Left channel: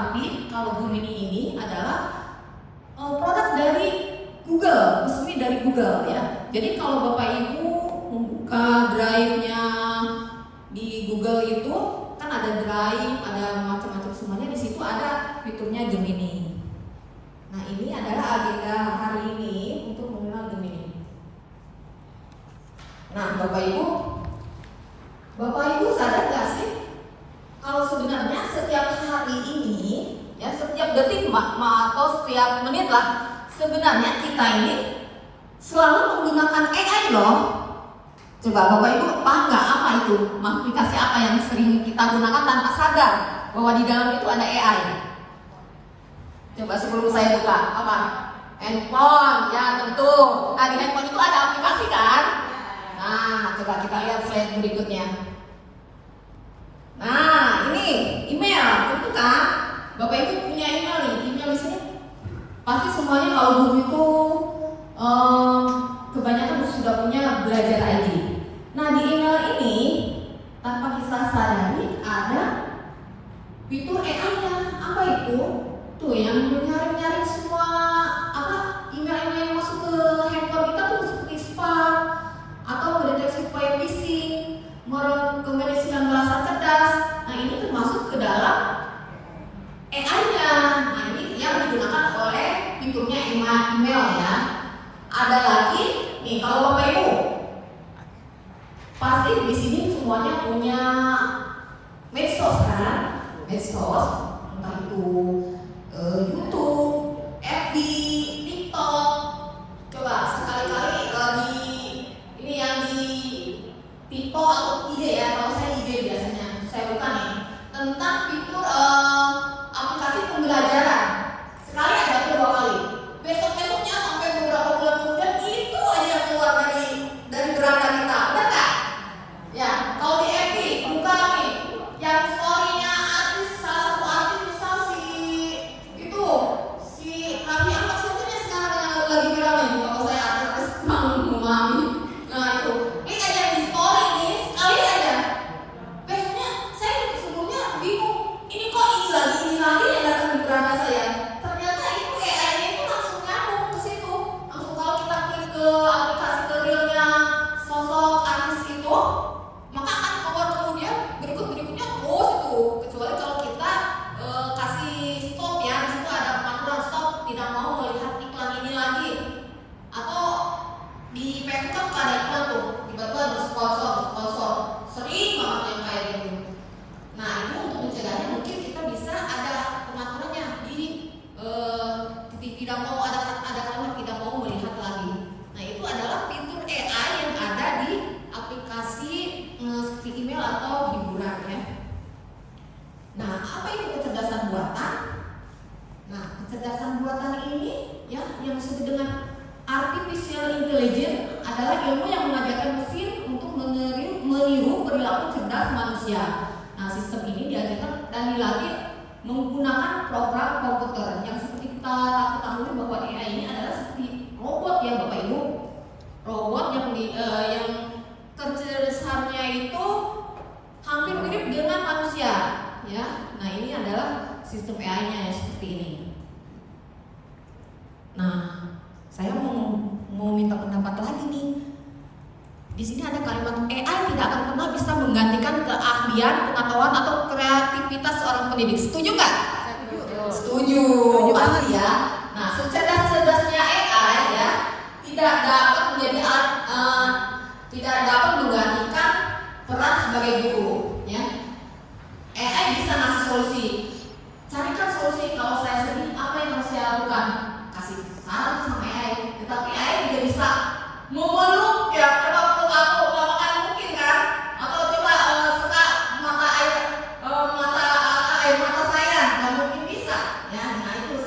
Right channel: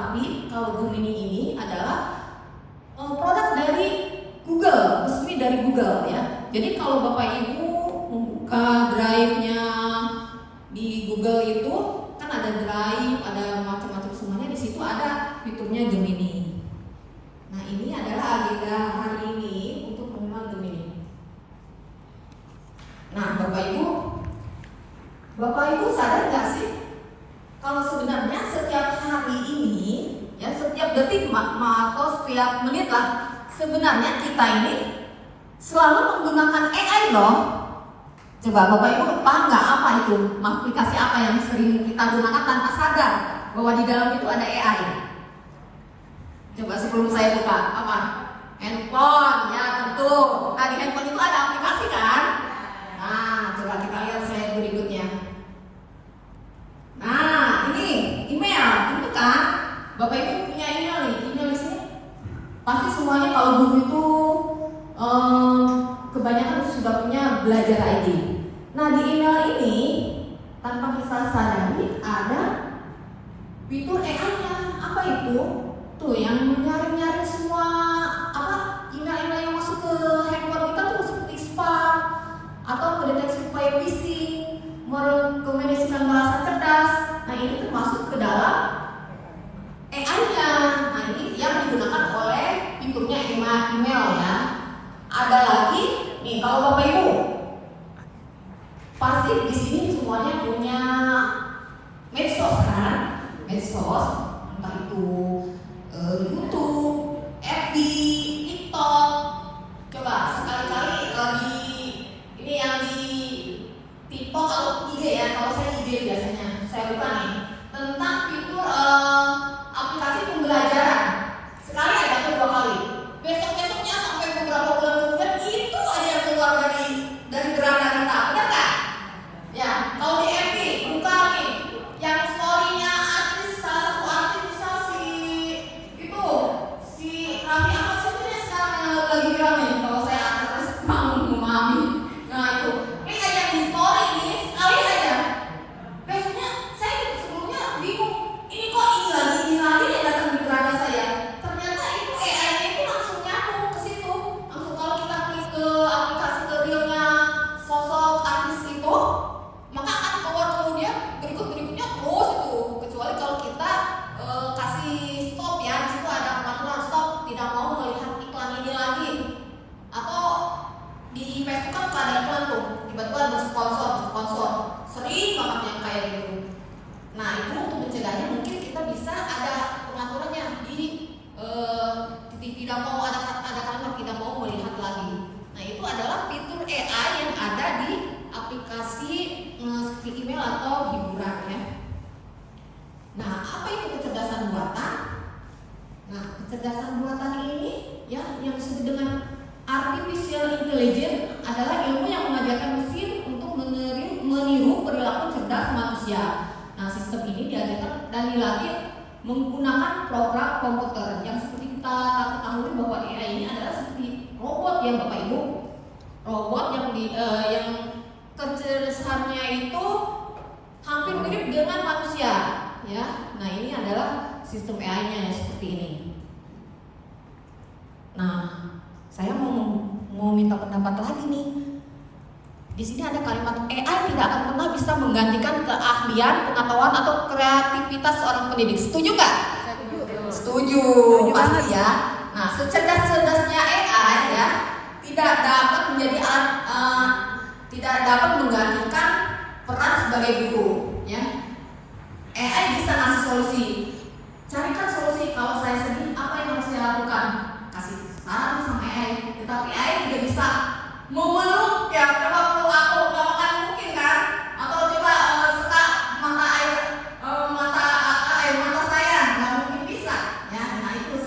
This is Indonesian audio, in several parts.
Tapi kalau Gemini ini adalah produk dari Google, resmi dari Google ya. Jadi kalau Bapak Ibu membuka drive-nya di Google itu kan ada drive, ada macam-macam semuanya, di situ ada fiturnya Gemini. Nah, ini adalah agenda hari ini untuk mengenal Gemini. Nah, Bapak Ibu sadar nggak sih kalau sebenarnya setiap hari ini ya, setiap detik atau setiap menit lah, sebenarnya kita ini selalu menggunakan AI loh. Coba Bapak Ibu paham nggak apa itu? Aplikasi apa yang sering kita gunakan tanpa sadar bahwa di dalam itu ada AI? Coba sebelum saya buka, apa? Handphone, ya tentu. Nah, di handphone itu ada aplikasi kan? Nah, coba kita lihat slide berikutnya. Nah, ini email, tentu kan? Bapak Ibu punya email nih, email di sini. Pasti semuanya kalau guru itu kebanyakan sudah punya belajar ID. Nah, di email ini tanpa kita sadari ada fitur AI-nya. Apa itu? Tuh yang nyari-nyari semua email-email yang masuk ke handphone kita tuh seperti spam atau mendeteksi upaya phishing, merekomendasikan balasan cerdas. Nah, ini termasuk ke dalam AI-nya. Nah, ini yang digunakan oleh fiturnya email ya. Ada lagi nih, kalau Bapak Ibu pasti di sini semuanya punya medsos kan? Medsos, entah itu YouTube, FB, TikTok. Coba sekali-kali ini yang di TikTok atau IG ya, kalau saya IG biasanya saya buka nih tentang fitur aplikasi pembelajaran. Sekali aja atau 2 kali. Besok-besoknya sampai beberapa bulan kemudian itu aja yang keluar dari beranda kita, benar nggak? Ya, kalau di FB buka nih yang story-nya salah satu artis misal si Raffi Ahmad satunya sekarang lagi viral nih. Kalau saya artis memahami, nah itu ini ada yang di story nih sekali aja. Besoknya saya sebelumnya bingung, ini kok ini lagi yang datang di beranda saya. Ternyata itu AI-nya itu langsung nyambung ke situ. Langsung kalau kita klik ke aplikasi ke realnya sosok artis itu, maka akan keluar kemudian berikutnya terus itu. Kecuali kalau kita kasih stop ya, di situ ada pengaturan stop, tidak mau melihat iklan ini lagi. Atau di Facebook kan ada iklan tuh, tiba-tiba bersponsor, sering banget yang kayak gitu. Nah, itu untuk mencegahnya mungkin kita bisa ada pengaturannya di tidak mau ada kalimat tidak mau melihat lagi. Nah, itu adalah fitur AI yang ada di aplikasi email atau hiburan ya. Nah, apa itu kecerdasan buatan? Nah, kecerdasan buatan ini ya yang disebut dengan artificial intelligence adalah ilmu yang mengajarkan mesin untuk meniru perilaku cerdas manusia. Nah, sistem ini diajarkan dan dilatih menggunakan program komputer yang seperti kita ketahui bahwa AI ini adalah seperti robot ya Bapak Ibu. Robot yang kecerdasannya itu hampir mirip dengan manusia ya. Nah, ini adalah sistem AI-nya yang seperti ini. Nah, saya mau minta pendapat lagi nih. Di sini ada kalimat AI tidak akan pernah bisa menggantikan keahlian, pengetahuan atau kreativitas seorang pendidik. Setuju nggak? Setuju, pasti ya. Nah, secerdas-cerdasnya AI ya tidak dapat menggantikan peran sebagai guru ya. AI bisa ngasih solusi. Carikan solusi. Kalau saya sedih, apa yang harus saya lakukan? Kasih saran sama AI. Tetapi AI tidak bisa memeluk ya, coba peluk aku, nggak akan mungkin kan? Atau coba suka air mata saya, nggak mungkin bisa ya. Nah, itu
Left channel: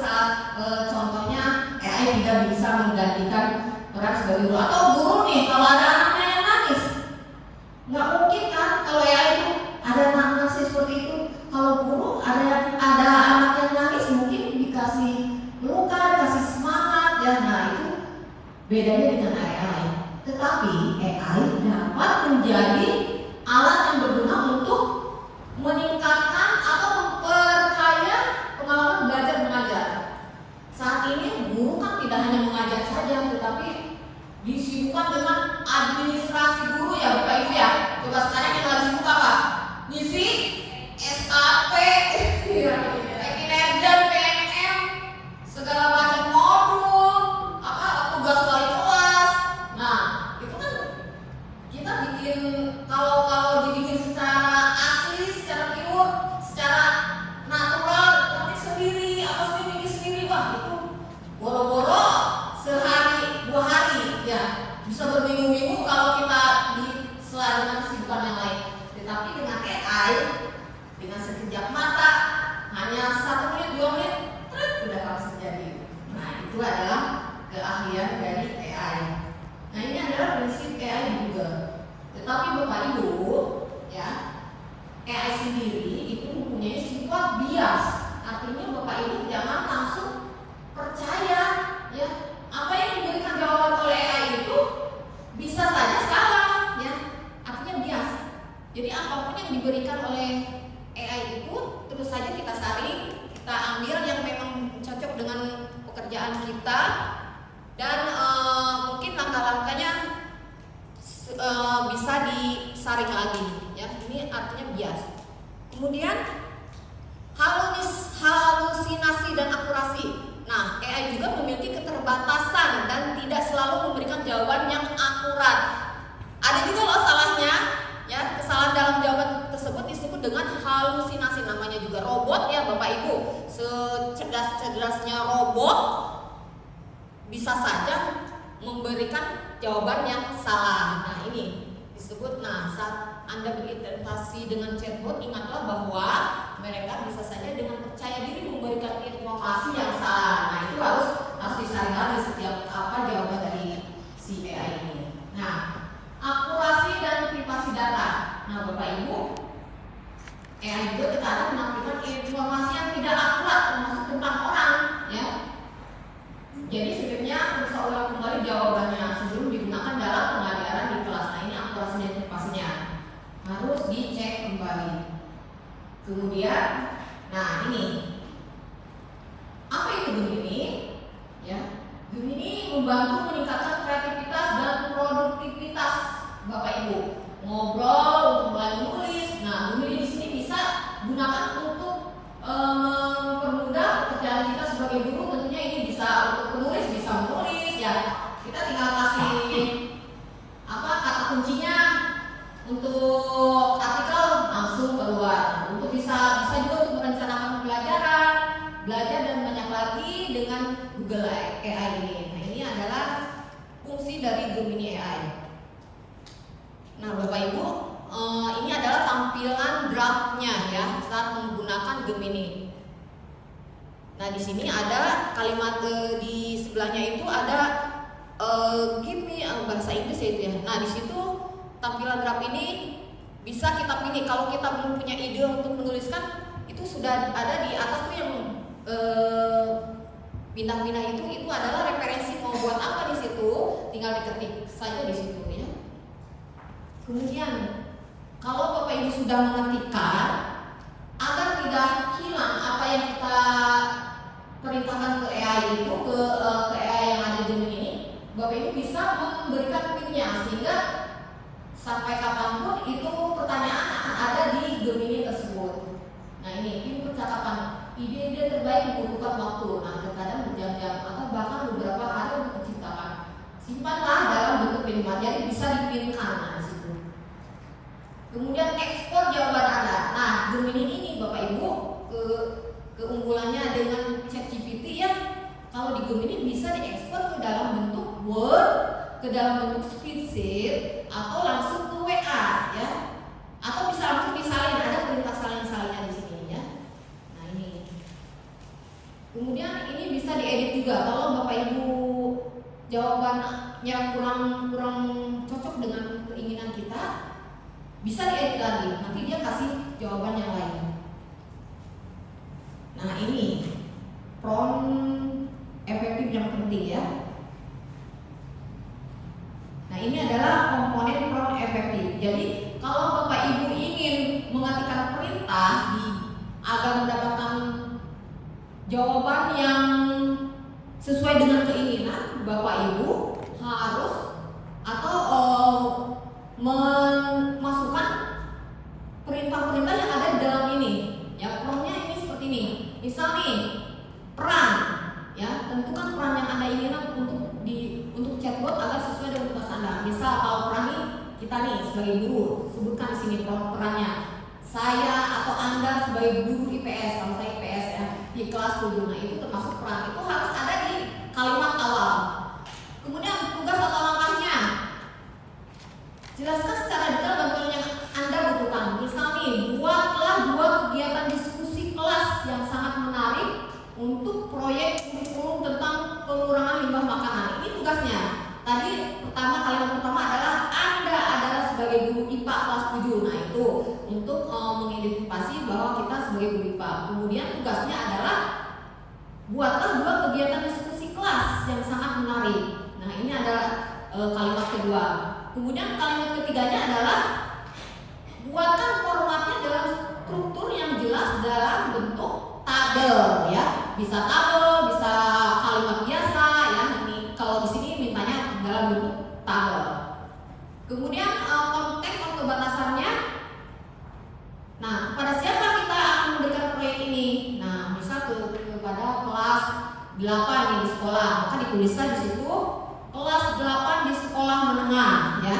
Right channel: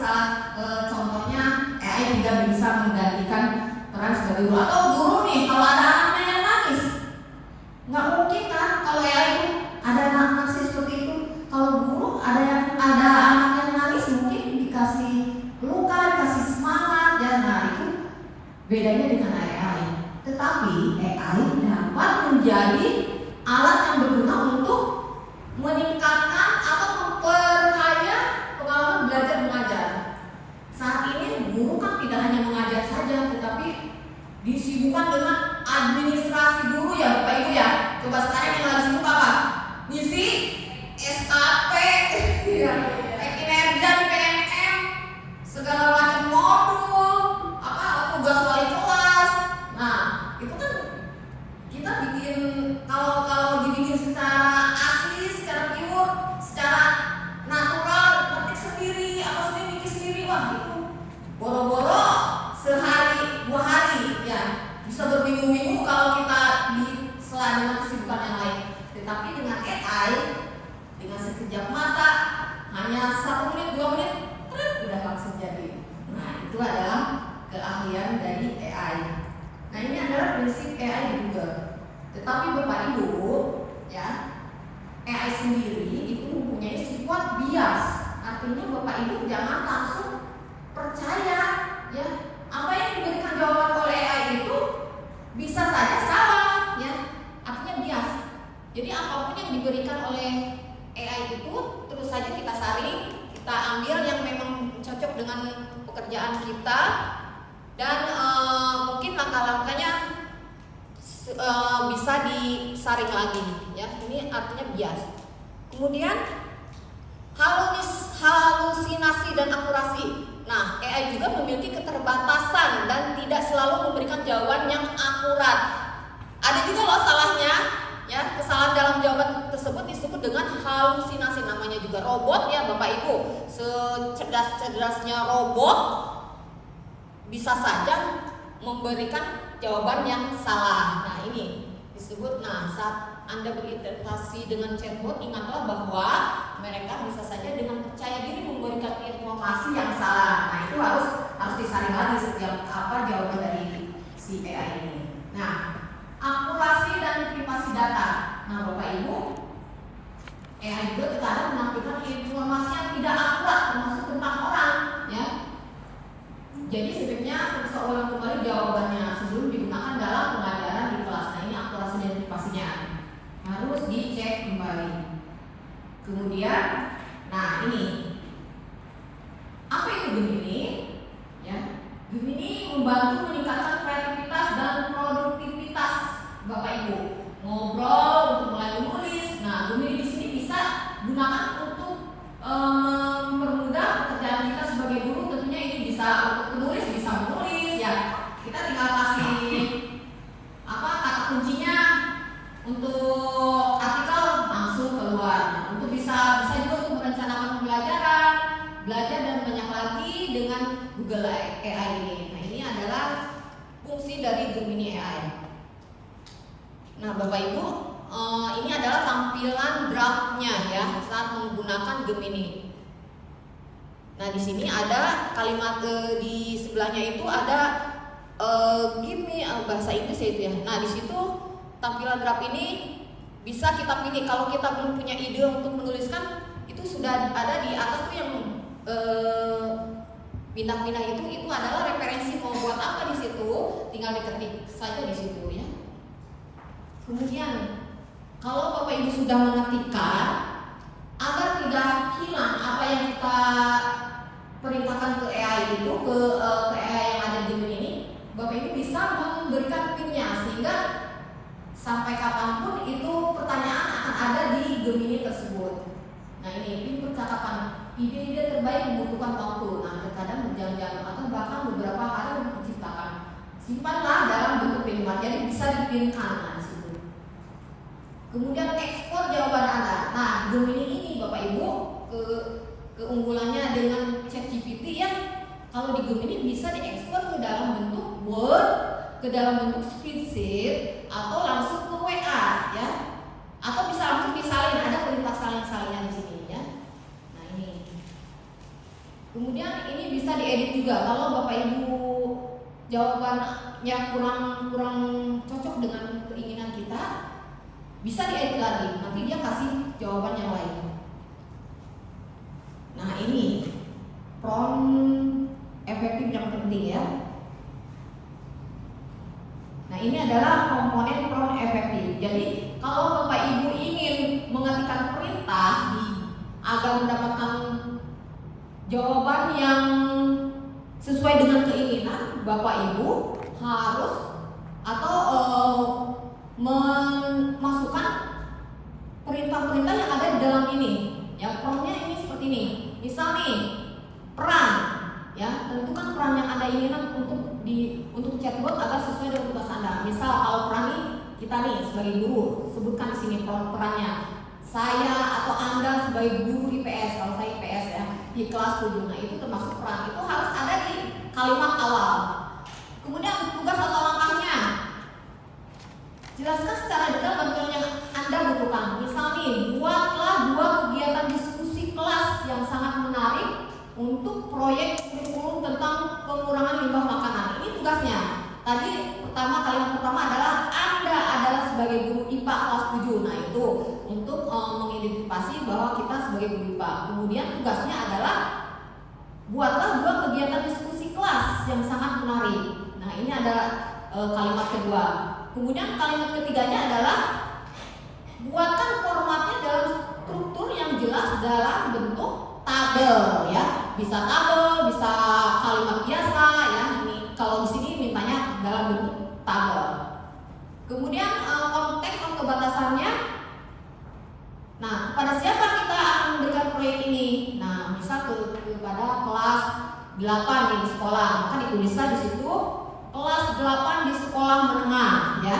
contohnya AI tidak bisa menggantikan peran sebagai guru. Atau guru nih, kalau ada anaknya yang nangis, nggak mungkin kan? Kalau AI itu ada anak nangis seperti itu. Kalau guru ada anak yang nangis, mungkin dikasih pelukan, dikasih semangat ya. Nah, itu bedanya dengan AI. Tetapi AI dapat menjadi alat yang berguna untuk meningkatkan atau memperkaya disibukkan dengan administrasi guru ya Bapak Ibu ya. Coba sekarang yang lagi sibuk apa? Ngisi SKP, kinerja PNM, segala macam modul, tugas wali kelas. Nah, itu kan kita bikin kalau dibikin secara asli, secara pure, secara natural, ketik sendiri, bikin sendiri, wah itu boro-boro sehari 2 hari ya bisa berminggu-minggu kalau kita di sela dengan kesibukan yang lain. Tetapi dengan AI, dengan sekejap mata, hanya 1 menit 2 menit udah langsung jadi. Nah, itu adalah keahlian dari AI. Nah, ini adalah prinsip AI di Google. Tetapi Bapak Ibu ya, AI sendiri itu mempunyai sifat bias. Artinya Bapak Ibu jangan langsung percaya ya apa yang diberikan jawaban oleh AI itu bisa saja salah ya. Artinya bias. Jadi apapun yang diberikan oleh AI itu terus saja kita saring, kita ambil yang memang cocok dengan pekerjaan kita dan mungkin langkah-langkahnya bisa disaring lagi ya. Ini artinya bias. Kemudian halusinasi dan akurasi. Nah, AI juga memiliki keterbatasan dan tidak selalu memberikan jawaban yang akurat. Ada juga loh salahnya ya, kesalahan dalam jawaban tersebut disebut dengan halusinasi. Namanya juga robot ya Bapak Ibu. Secerdas-cerdasnya robot bisa saja memberikan jawaban yang salah. Nah, ini disebut, saat Anda berinteraksi dengan chatbot, ingatlah bahwa mereka bisa saja dengan percaya diri memberikan informasi yang salah. Nah, itu harus disaring lagi setiap jawaban dari si AI ini. Nah, akurasi dan privasi data. Nah, Bapak Ibu, AI juga terkadang mengaktifkan informasi yang tidak akurat termasuk tentang orang ya. Jadi sebaiknya bisa ulang kembali jawabannya sebelum digunakan dalam pengajaran di kelas. Nah, ini akurasi dan privasinya harus dicek kembali. Kemudian, ini apa itu Gemini? Ya, Gemini membantu meningkatkan kreativitas dan produktivitas Bapak Ibu. Ngobrol untuk mulai menulis. Nah, Gemini di sini bisa gunakan untuk mempermudah pekerjaan kita sebagai guru. Tentunya ini bisa untuk penulis, bisa menulis ya. Kita tinggal kasih kata kuncinya untuk artikel langsung keluar. Untuk bisa juga untuk merencanakan pembelajaran, belajar dan banyak lagi dengan Google AI ini. Nah, ini adalah fungsi dari Gemini AI. Nah, Bapak Ibu, ini adalah tampilan draftnya ya saat menggunakan Gemini. Nah, di sini ada kalimat di sebelahnya itu ada give me bahasa Inggris ya itu ya. Nah, di situ tampilan draft ini bisa kita pilih. Kalau kita belum punya ide untuk menuliskan, itu sudah ada di atas tuh yang bintang-bintang itu adalah referensi mau buat apa di situ, tinggal diketik saja di situ ya. Kemudian kalau Bapak Ibu sudah mengetikkan, agar tidak hilang apa yang kita perintahkan ke AI itu, ke AI yang ada di Gemini ini, Bapak Ibu bisa memberikan pinnya sehingga sampai kapanpun itu pertanyaan akan ada di Gemini tersebut. Nah, ini pin percakapan, ide-ide terbaik membutuhkan waktu. Nah, terkadang berjam-jam atau bahkan beberapa hari untuk menciptakan. Simpanlah dalam bentuk pin, jadi bisa dipinkan di situ. Kemudian ekspor jawaban Anda. Nah, Gemini ini Bapak Ibu keunggulannya dengan ChatGPT ya. Kalau di Gemini bisa diekspor ke dalam bentuk Word, ke dalam bentuk spreadsheet, atau langsung ke WA ya. Atau bisa langsung disalin, ada perintah salin-salinnya di sini ya. Nah, ini. Kemudian ini bisa diedit juga. Kalau Bapak Ibu jawabannya kurang cocok dengan keinginan kita, bisa diedit lagi, nanti dia kasih jawaban yang lain. Nah, ini prompt efektif yang penting ya. Nah, ini adalah komponen prompt efektif. Jadi kalau Bapak Ibu ingin mengetikkan perintah agar mendapatkan jawaban yang sesuai dengan keinginan, Bapak Ibu harus atau memasukkan perintah-perintah yang ada di dalam ini. Ya, promnya ini seperti ini. Misal nih, peran, ya, tentukan peran yang Anda inginkan untuk chatbot agar sesuai dengan tugas Anda. Misal kalau peran nih, kita nih sebagai guru, sebutkan di sini perannya. Saya atau Anda sebagai guru IPS, kalau saya IPS ya, di kelas 7. Nah, itu termasuk peran. Itu harus ada di kalimat awal. Kemudian tugas atau langkahnya. Jelaskan secara detail bantuan yang Anda butuhkan. Misal nih, buatlah 2 kegiatan diskusi kelas yang sangat menarik untuk proyek kurikulum tentang pengurangan limbah makanan. Ini tugasnya. Tadi kalimat pertama adalah Anda adalah sebagai guru IPA kelas 7. Nah, itu untuk mengidentifikasi bahwa kita sebagai guru IPA. Kemudian tugasnya adalah buatlah 2 kegiatan diskusi kelas yang sangat menarik. Nah, ini adalah kalimat kedua. Kemudian kalimat ketiganya adalah buatkan formatnya dalam struktur yang jelas dalam bentuk tabel, ya. Bisa tabel, bisa kalimat biasa, ya. Ini kalau di sini mintanya dalam bentuk tabel. Kemudian konteks atau batasannya. Nah, kepada siapa kita akan memberikan proyek ini? Nah, misal kepada kelas 8 nih di sekolah, maka ditulislah di situ kelas 8 di sekolah menengah, ya.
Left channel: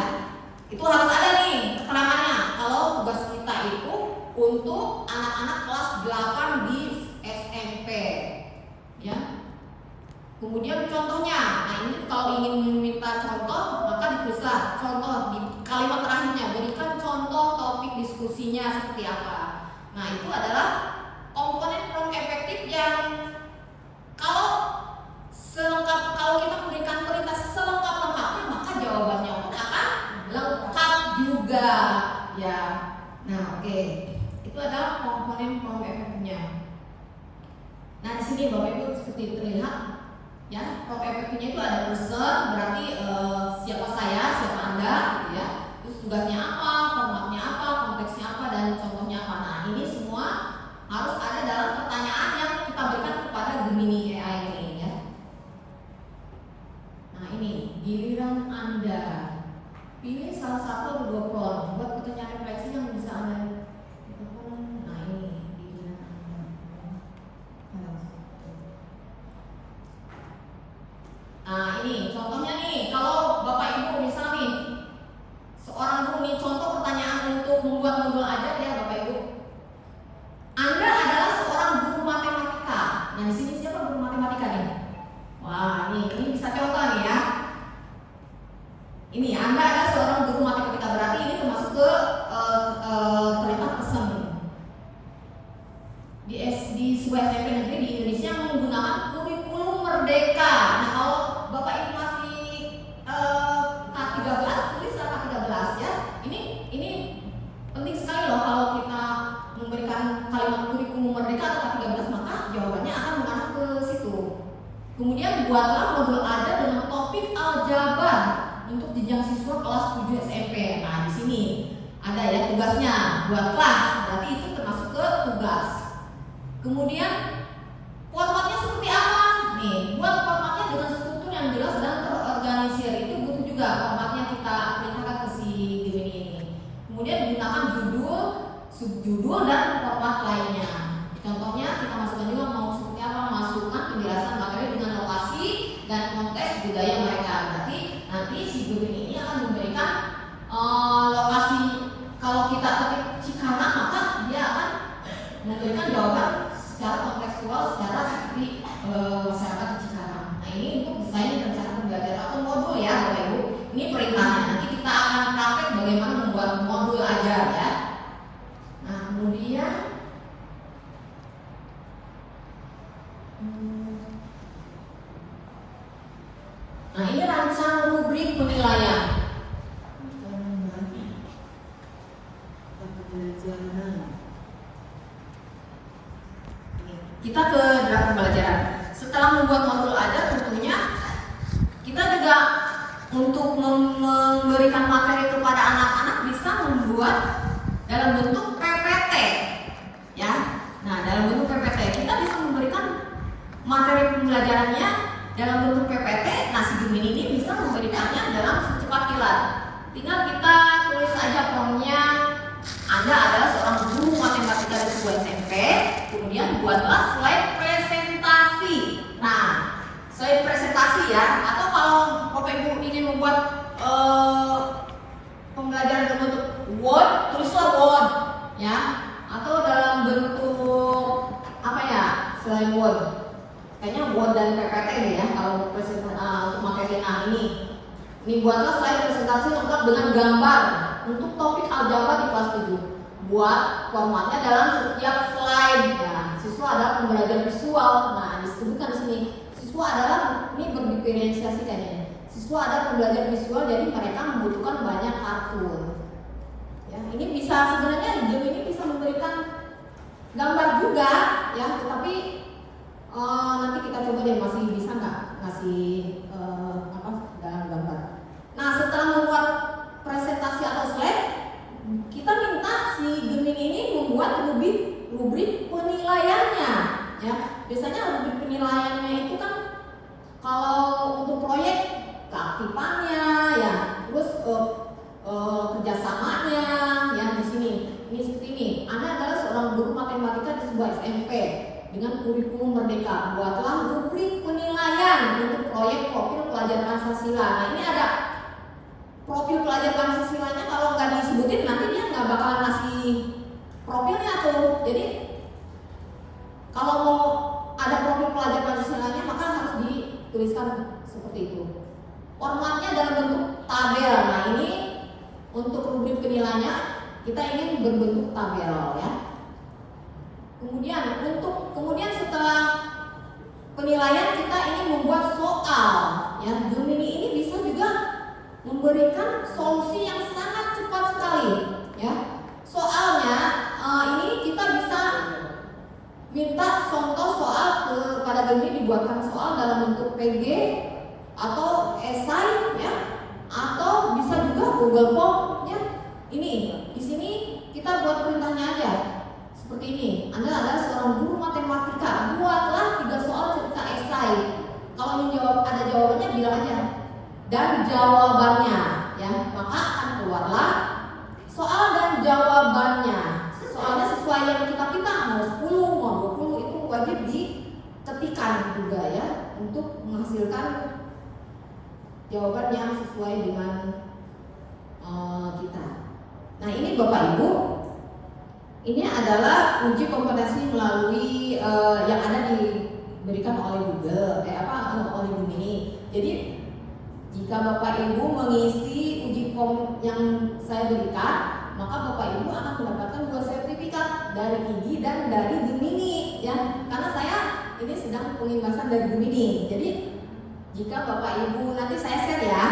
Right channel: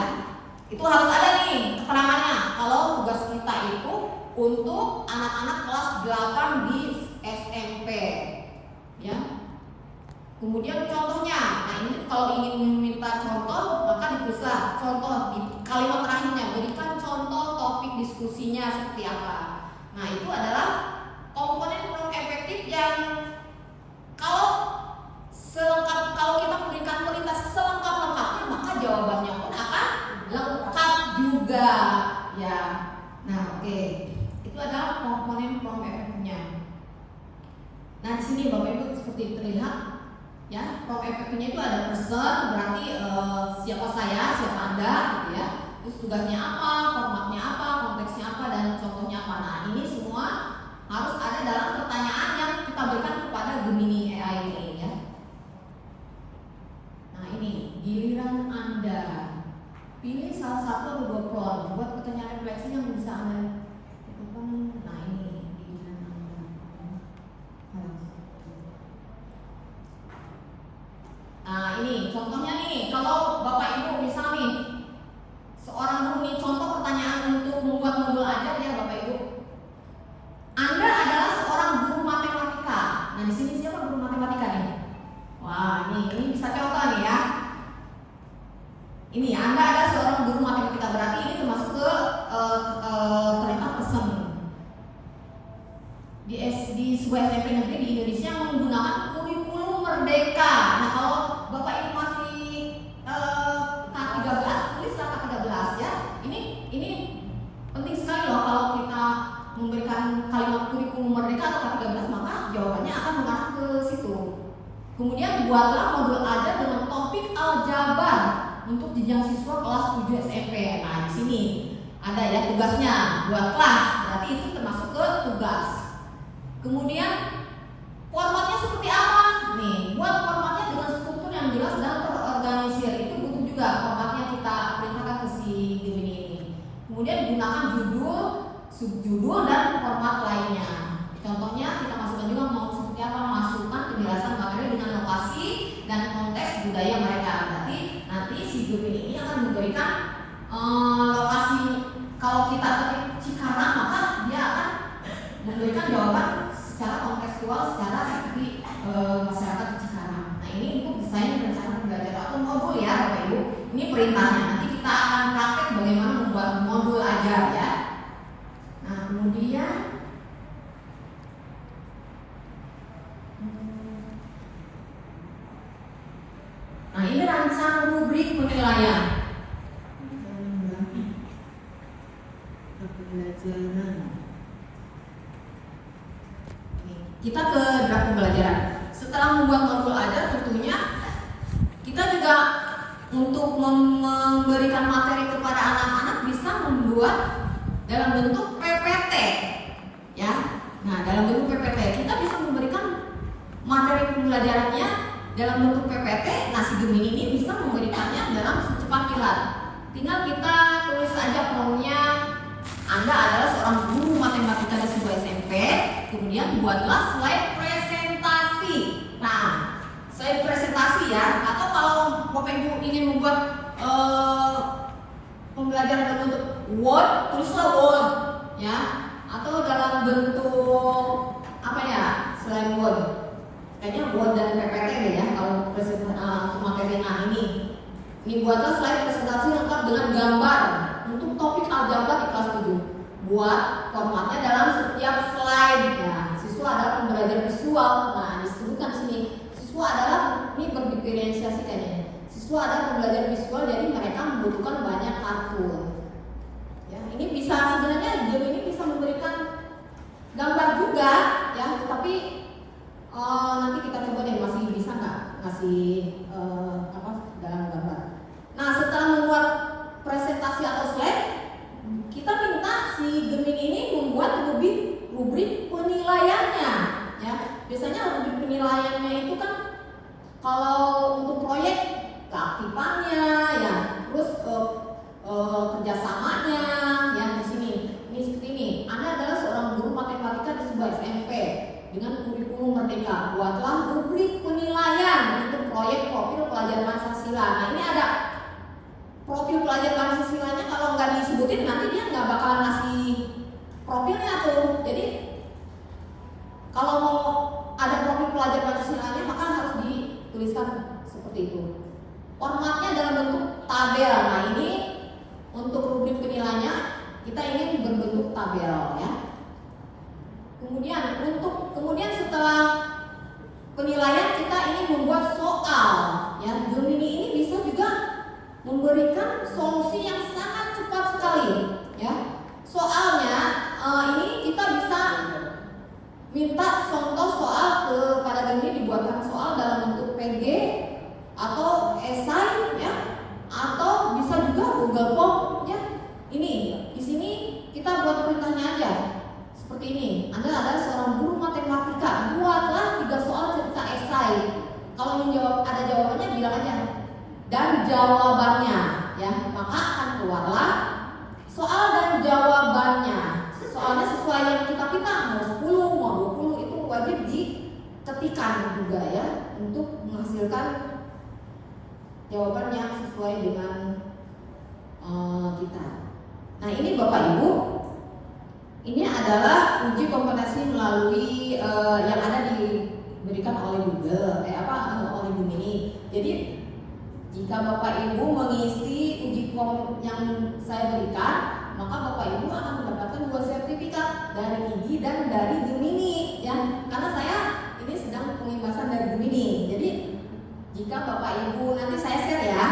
Itu harus ada nih keterangannya. Kalau tugas kita itu untuk anak-anak kelas 8 di SMP, ya. Kemudian contohnya, nah ini kalau ingin meminta contoh maka ditulislah contoh di kalimat terakhirnya, berikan contoh topik diskusinya seperti apa. Nah, itu adalah komponen prompt efektif yang kalau kita memberikan perintah selengkap-lengkapnya maka jawabannya pun akan lengkap juga, ya. Nah, oke. Itu adalah komponen prompt efektifnya. Nah, di sini Bapak Ibu seperti terlihat, ya, prompt efektifnya itu ada person, berarti siapa saya, siapa Anda, gitu ya. Terus tugasnya apa, formatnya apa, konteksnya apa, dan contohnya apa. Nah, ini semua harus ada dalam pertanyaan yang kita berikan kepada Gemini AI ini, ya. Nah, ini giliran Anda. Pilih salah satu atau 2 prompt, buat pertanyaan refleksi yang bisa Anda lakukan. Nah, ini giliran Anda. Nah, ini contohnya nih, kalau Bapak Ibu misal nih seorang guru nih, contoh pertanyaan untuk membuat modul ajar, ya Bapak Ibu. Anda adalah seorang guru matematika. Nah, di sini siapa guru matematika nih? Wah, ini bisa contoh nih, ya. Ini Anda adalah seorang guru matematika, berarti ini termasuk ke terlibat pesen. Di sebuah SMP negeri di Indonesia menggunakan kurikulum merdeka. Nah, kalau Bapak Ibu masih K13, tulislah K13, ya. Ini penting sekali loh kalau kita memberikan kalimat kurikulum merdeka atau K13, maka jawabannya akan mengarah ke situ. Kemudian buatlah modul ajar dengan topik aljabar untuk jenjang siswa kelas 7 SMP. Nah, di sini ada ya tugasnya, buatlah, berarti itu termasuk ke tugas. Kemudian formatnya seperti apa? Nih, buat formatnya dengan struktur yang jelas dan terorganisir. Itu butuh juga formatnya kita perintahkan ke si Gemini ini. Kemudian gunakan judul, subjudul, dan format lainnya. Contohnya kita masukkan juga mau seperti apa, masukkan penjelasan materi dengan lokasi dan konteks budaya mereka. Berarti nanti si Gemini ini akan memberikan lokasi. Kalau kita ketik Cikarang, maka dia akan memberikan jawaban secara kontekstual, secara seperti masyarakat di Cikarang. Nah, ini untuk desain rencana pembelajaran atau modul, ya Bapak Ibu. Ini perintahnya. Nanti kita akan praktek bagaimana membuat modul ajar, ya. Nah, kemudian nah, ini rancang rubrik penilaian. Kita ke draft pembelajaran. Setelah membuat modul ajar, tentunya kita juga untuk memberikan materi kepada anak-anak bisa membuat dalam bentuk PPT, ya. Nah, dalam bentuk PPT kita bisa memberikan materi pembelajarannya dalam bentuk PPT. Nah, si Gemini ini bisa memberikannya dalam cepat kilat. Tinggal kita tulis aja promnya. Anda adalah seorang guru matematika di sebuah SMP. Kemudian buatlah slide presentasi. Nah, slide presentasi ya. Atau kalau Bapak Ibu ingin membuat pembelajaran dalam bentuk Word, tulislah Word, ya. Atau dalam bentuk apa ya? Selain Word. Kayaknya Word dan PPT nih ya kalau untuk materi ini. Ini buatlah slide presentasi lengkap dengan gambar untuk topik aljabar di kelas 7. Buat formatnya dalam setiap slide. Ya, siswa adalah pembelajar visual. Nah, disebutkan di sini siswa adalah ini berdiferensiasi kayaknya. Siswa adalah pembelajar visual, jadi mereka membutuhkan banyak kartun. Ya, ini bisa sebenarnya game ini bisa memberikan gambar juga, ya, tetapi nanti kita coba deh masih bisa nggak ngasih dalam gambar. Nah, setelah membuat presentasi atau slide, kita minta si Gemini ini membuat rubrik penilaiannya, ya. Biasanya rubrik penilaiannya itu kan kalau untuk proyek keaktifannya, ya, terus kerjasamanya, ya di sini. Ini seperti ini. Anda adalah seorang guru matematika di sebuah SMP dengan kurikulum merdeka. Buatlah rubrik penilaian untuk proyek profil pelajar Pancasila. Nah, ini ada profil pelajar Pancasilanya, kalau nggak disebutin nanti dia nggak bakalan ngasih profilnya tuh. Jadi kalau mau ada profil pelajar Pancasilanya maka harus dituliskan seperti itu. Formatnya dalam bentuk tabel. Nah, ini untuk rubrik penilaiannya kita ingin berbentuk tabel, ya. Kemudian setelah penilaian kita ingin membuat soal, ya. Gemini ini bisa juga memberikan solusi yang sangat cepat sekali, ya. Soalnya ini kita bisa minta contoh soal kepada Gemini dibuatkan soal dalam bentuk PG atau esai, ya, atau bisa juga Google Form, ya. Ini di sini kita buat perintahnya aja seperti ini. Anda adalah seorang guru matematika, buatlah 3 soal cerita esai. Kalau menjawab ada jawabannya bilang aja dan jawabannya, ya, maka akan keluarlah soal dan jawabannya. Soalnya sesuai yang kita minta, mau 10, mau 20 itu wajib diketikkan juga, ya, untuk menghasilkan jawaban yang sesuai dengan kita. Nah, ini Bapak Ibu, ini adalah uji kompetensi melalui yang ada diberikan oleh Google, oleh Gemini. Jadi jika Bapak Ibu mengisi uji kom yang saya berikan, maka Bapak Ibu akan mendapatkan 2 sertifikat dari IGI dan dari Gemini, ya. Karena saya ini sedang pengimbasan dari Gemini. Jadi jika Bapak Ibu nanti saya share, ya.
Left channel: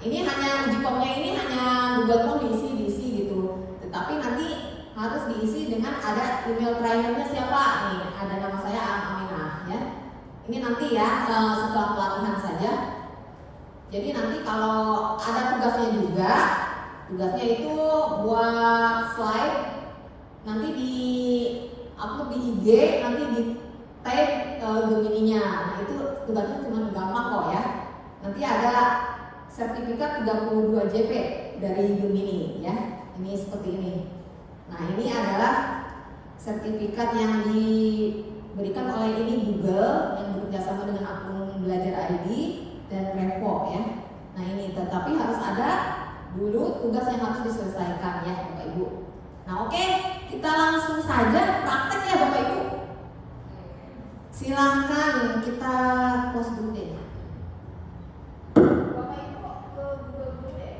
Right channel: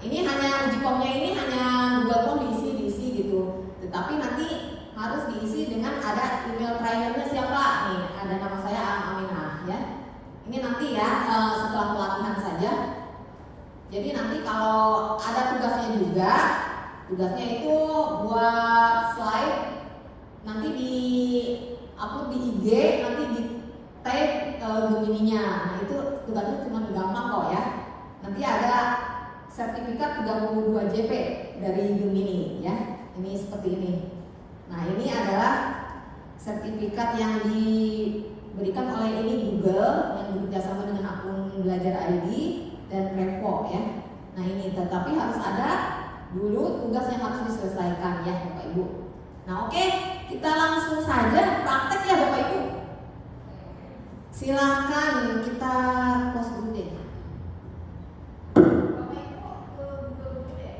Ini hanya uji komnya ini hanya Google Form diisi gitu. Tetapi nanti harus diisi dengan ada email trainernya siapa. Nih, ada nama saya Aminah, ya. Ini nanti ya setelah pelatihan saja. Jadi nanti kalau ada tugasnya juga, tugasnya itu buat slide, nanti di upload di IG, nanti di tag Gemininya. Nah, itu tugasnya cuma gampang kok, ya. Nanti ada sertifikat 32 JP dari Gemini, ya. Ini seperti ini. Nah, ini adalah sertifikat yang diberikan oleh ini Google yang bekerjasama dengan akun Belajar ID dan Repo, ya. Nah, ini tetapi harus ada dulu tugas yang harus diselesaikan, ya, Bapak Ibu. Nah, oke, kita langsung saja praktek, ya, Bapak Ibu. Silakan kita close dulu deh. Bapak Ibu ke Google dulu deh.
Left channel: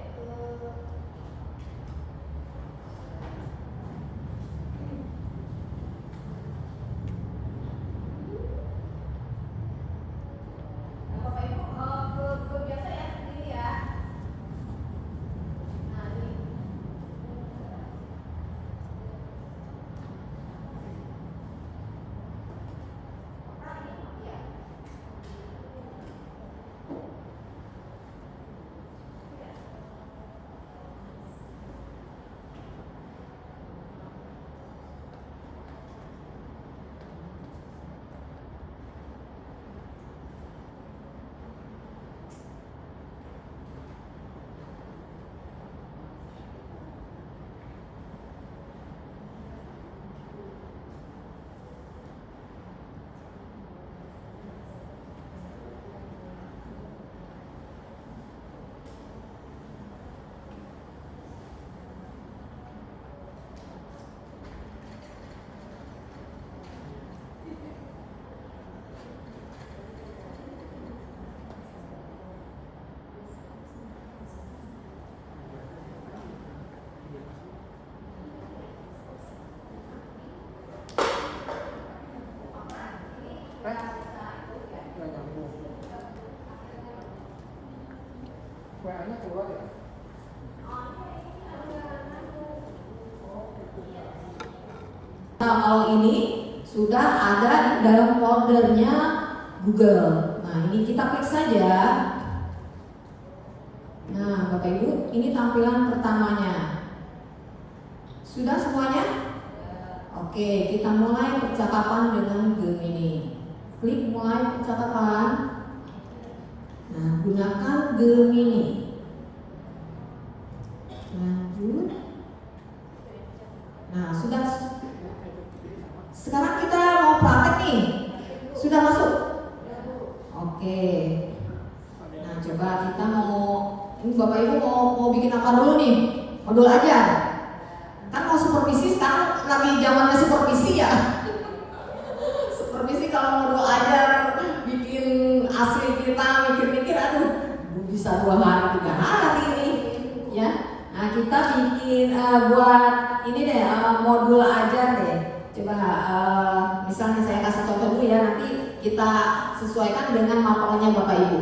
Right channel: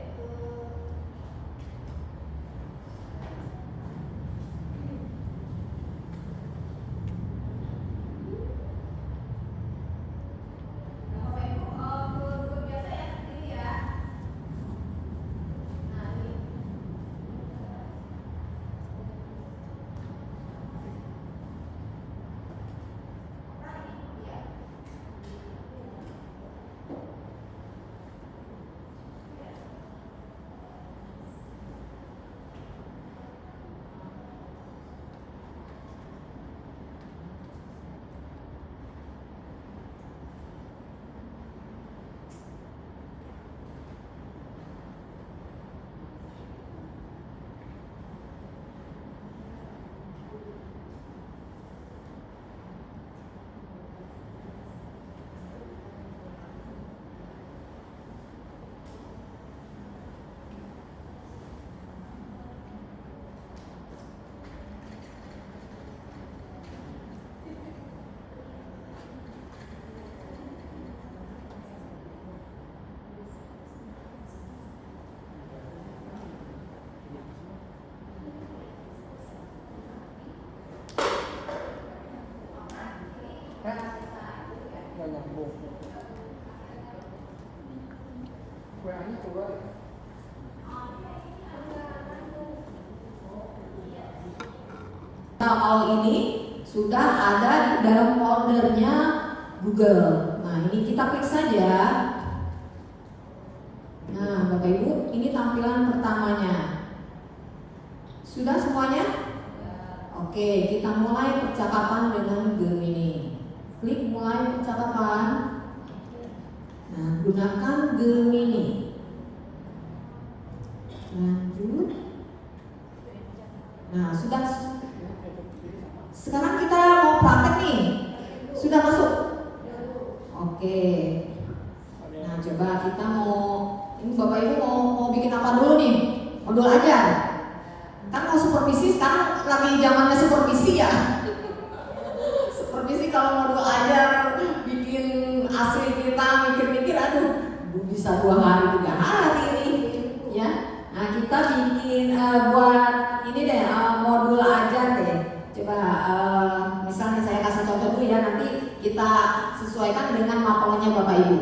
Bapak Ibu ke Google biasa, ya, ini, ya. Nah, ini. Nah, ini, ya. Nah, kalau ini sudah ada di dalam foldernya Google. Nah, ini kita klik saja. Nah, Bapak Ibu, ini tampilan pertamanya. Sudah semuanya? Oke, kita mulai percakapan dengan Gemini. Klik mulai percakapan. Nah, gunakan Gemini. Lanjut. Nah, sudah. Sekarang kita mau praktek nih. Sudah masuk? Oke. Nah, coba kita ini Bapak Ibu mau bikin apa dulu nih? Modul ajar. Kan mau supervisi, sekarang lagi zamannya supervisi ya. Supervisi kalau modul ajar bikin asli kita mikir-mikir, aduh bisa 2 hari 3 hari ini ya. Nah, kita bikin buat ini deh, modul ajar deh. Coba misalnya saya kasih contoh dulu ya, nanti kita sesuaikan dengan mapelnya Bapak Ibu.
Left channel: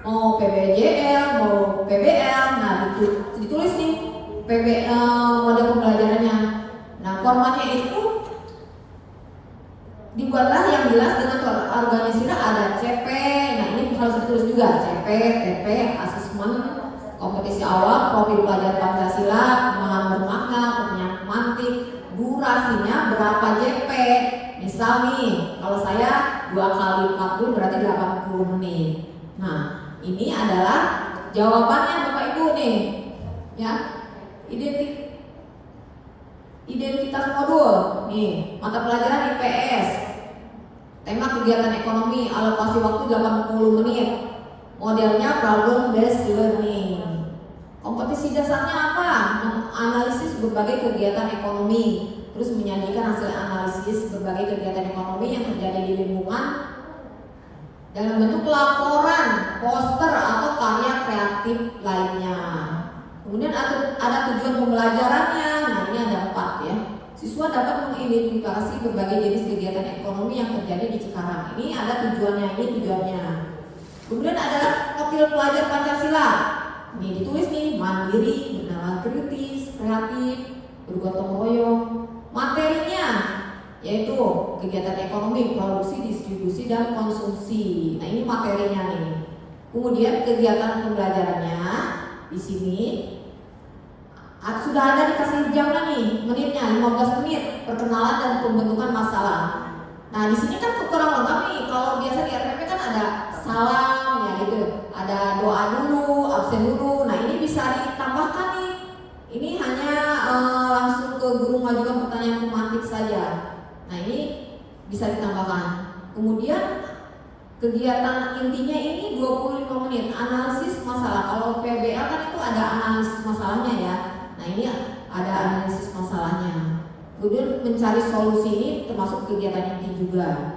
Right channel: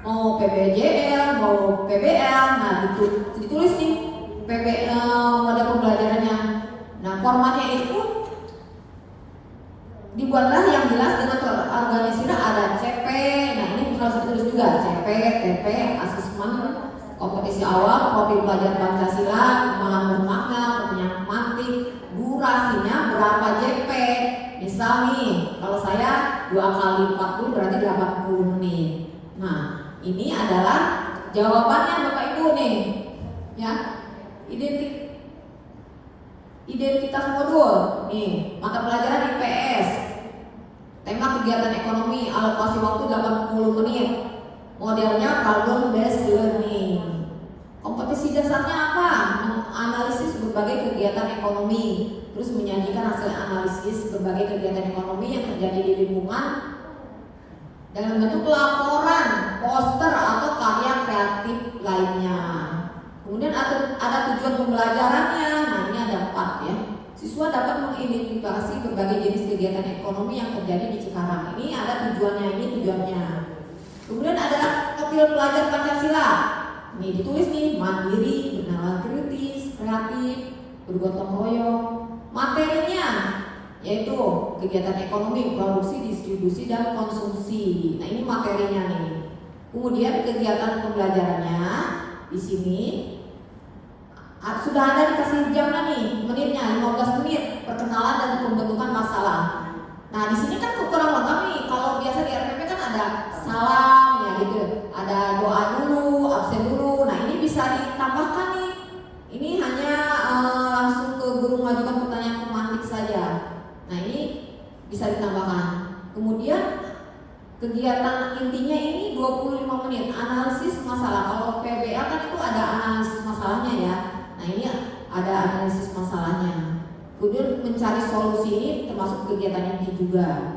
Mau PBJL, mau PBL, nah ditulis nih model pembelajarannya. Nah, formatnya itu dibuatlah yang jelas dengan terorganisir, ada CP. Nah, ini harus ditulis juga CP, TP, asesmen, kompetisi awal, profil pelajar Pancasila, pemahaman bermakna, pertanyaan mantik, durasinya berapa JP. Misal nih, kalau saya 2 kali 40 berarti 80 menit. Nah, ini adalah jawabannya Bapak Ibu nih, ya. Identitas modul, nih, mata pelajaran IPS. Tema kegiatan ekonomi, alokasi waktu 80 menit. Modelnya problem based learning. Kompetisi dasarnya apa? Menganalisis berbagai kegiatan ekonomi, terus menyajikan hasil analisis berbagai kegiatan ekonomi yang terjadi di lingkungan dalam bentuk laporan, poster atau karya kreatif lainnya. Kemudian ada tujuan pembelajarannya. Nah, ini ada 4 ya. Siswa dapat mengidentifikasi berbagai jenis kegiatan ekonomi yang terjadi di Cikarang. Ini ada tujuannya. Kemudian ada profil pelajar Pancasila. Ini ditulis nih, mandiri, bernalar kritis, kreatif, bergotong royong. Materinya yaitu kegiatan ekonomi, produksi, distribusi, dan konsumsi. Nah, ini materinya nih. Kemudian kegiatan pembelajarannya di sini sudah ada dikasih jamnya nih, menitnya 15 menit, perkenalan dan pembentukan masalah. Nah, di sini kan kurang lengkap nih. Kalau biasa di RPP kan ada salam ya gitu, ada doa dulu, absen dulu. Nah, ini bisa ditambahkan nih. Ini hanya langsung ke guru mengajukan pertanyaan pemantik saja. Nah, ini bisa ditambahkan. Kemudian kegiatan intinya ini 25 menit, analisis masalah. Kalau PBL kan itu ada analisis masalahnya ya. Nah, ini ada analisis masalahnya. Kemudian mencari solusi ini termasuk kegiatan inti juga.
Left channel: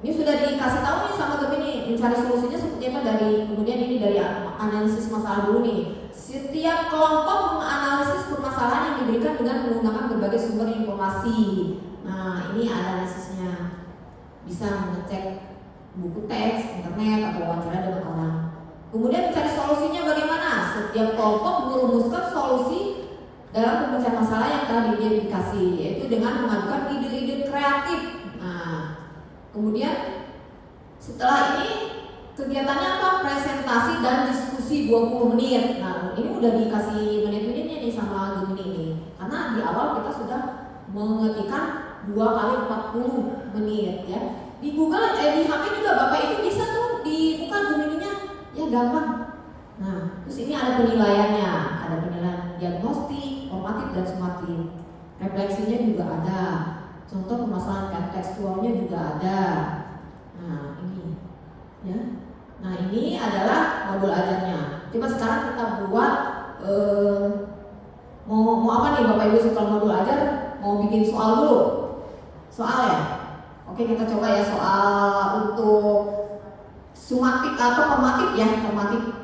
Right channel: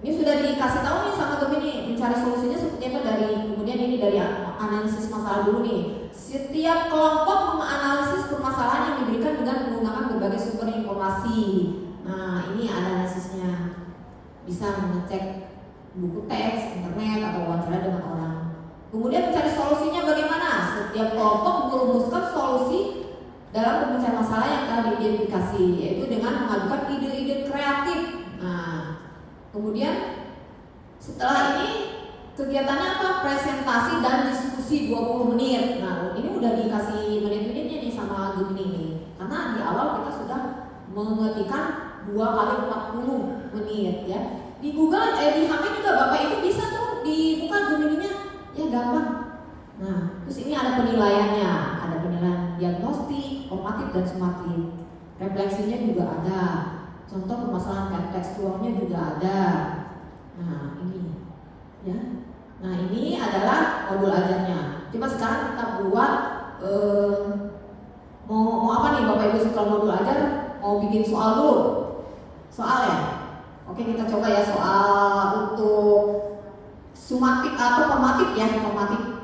Ini sudah dikasih tahu nih sama Gemini, mencari solusinya seperti apa kemudian ini dari analisis masalah dulu nih. Setiap kelompok menganalisis permasalahan yang diberikan dengan menggunakan berbagai sumber informasi. Nah, ini analisisnya. Bisa mengecek buku teks, internet, atau wawancara dengan orang. Kemudian mencari solusinya bagaimana? Setiap kelompok merumuskan solusi dalam pemecahan masalah yang telah diidentifikasi, yaitu dengan mengajukan ide-ide kreatif. Nah, kemudian setelah ini kegiatannya apa? Presentasi dan diskusi 20 menit. Nah, ini udah dikasih menit-menitnya nih sama Gemini ini. Karena di awal kita sudah mengetikkan 2 kali 40 menit ya. Di Google, di HP juga Bapak Ibu bisa tuh dibuka Gemininya, ya gampang. Nah, terus ini ada penilaiannya, ada penilaian diagnostik, formatif dan sumatif. Refleksinya juga ada. Contoh permasalahan tekstualnya juga ada. Nah, ini ya. Nah, ini adalah modul ajarnya. Coba sekarang kita buat mau apa nih Bapak Ibu setelah modul ajar? Mau bikin soal dulu. Soal ya? Oke, kita coba ya soal untuk sumatif atau formatif ya, formatif.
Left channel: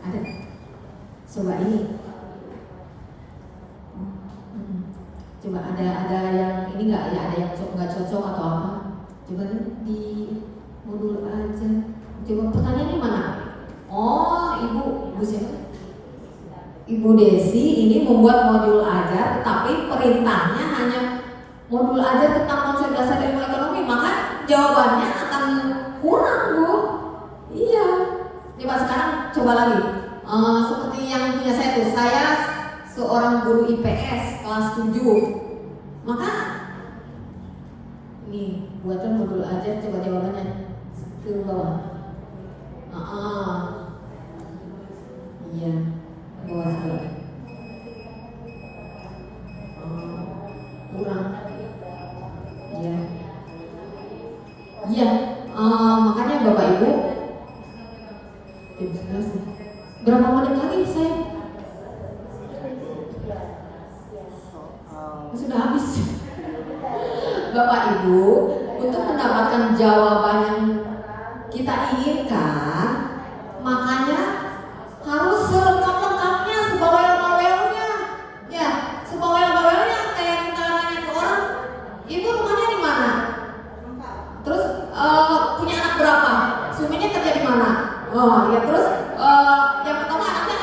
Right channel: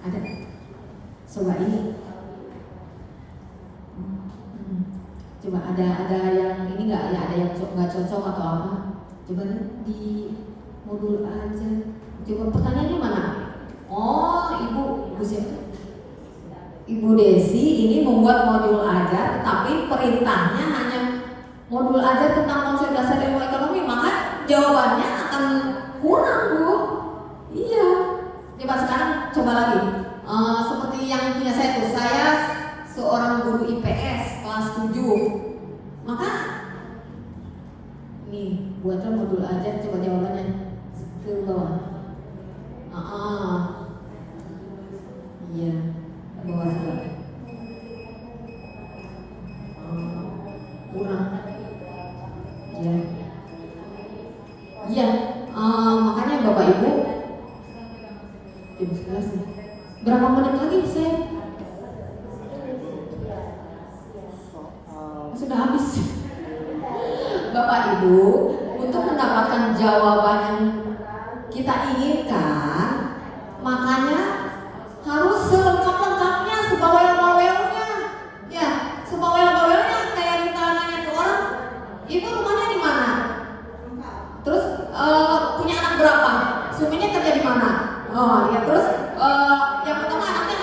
Ada? Coba ini. Coba ada yang ini nggak ya? Ada yang nggak cocok atau apa? Coba di modul aja. Coba pertanyaannya mana? Oh, ibu siapa? Ibu Desi ini membuat modul ajar, tetapi perintahnya hanya modul ajar tentang konsep dasar ilmu ekonomi, maka jawabannya akan kurang, Bu. Iya. Coba sekarang coba lagi. Seperti yang punya saya tuh, saya seorang guru IPS kelas 7. Maka nih, buatlah modul ajar, coba jawabannya ke bawah. Iya. Bawah juga. Kurang. Ya. Iya. Makanya Bapak Ibu jam 11 nih. Berapa menit lagi saya? Sudah habis. Bapak Ibu, untuk mendapatkan jawaban yang kita inginkan, makanya harus selengkap-lengkapnya, sebawel-bawelnya. Ya, sebawel-bawelnya kayak kita nanya ke orang, ibu rumahnya di mana? Terus punya anak berapa? Suaminya kerja di mana? Oh, ya terus yang pertama anaknya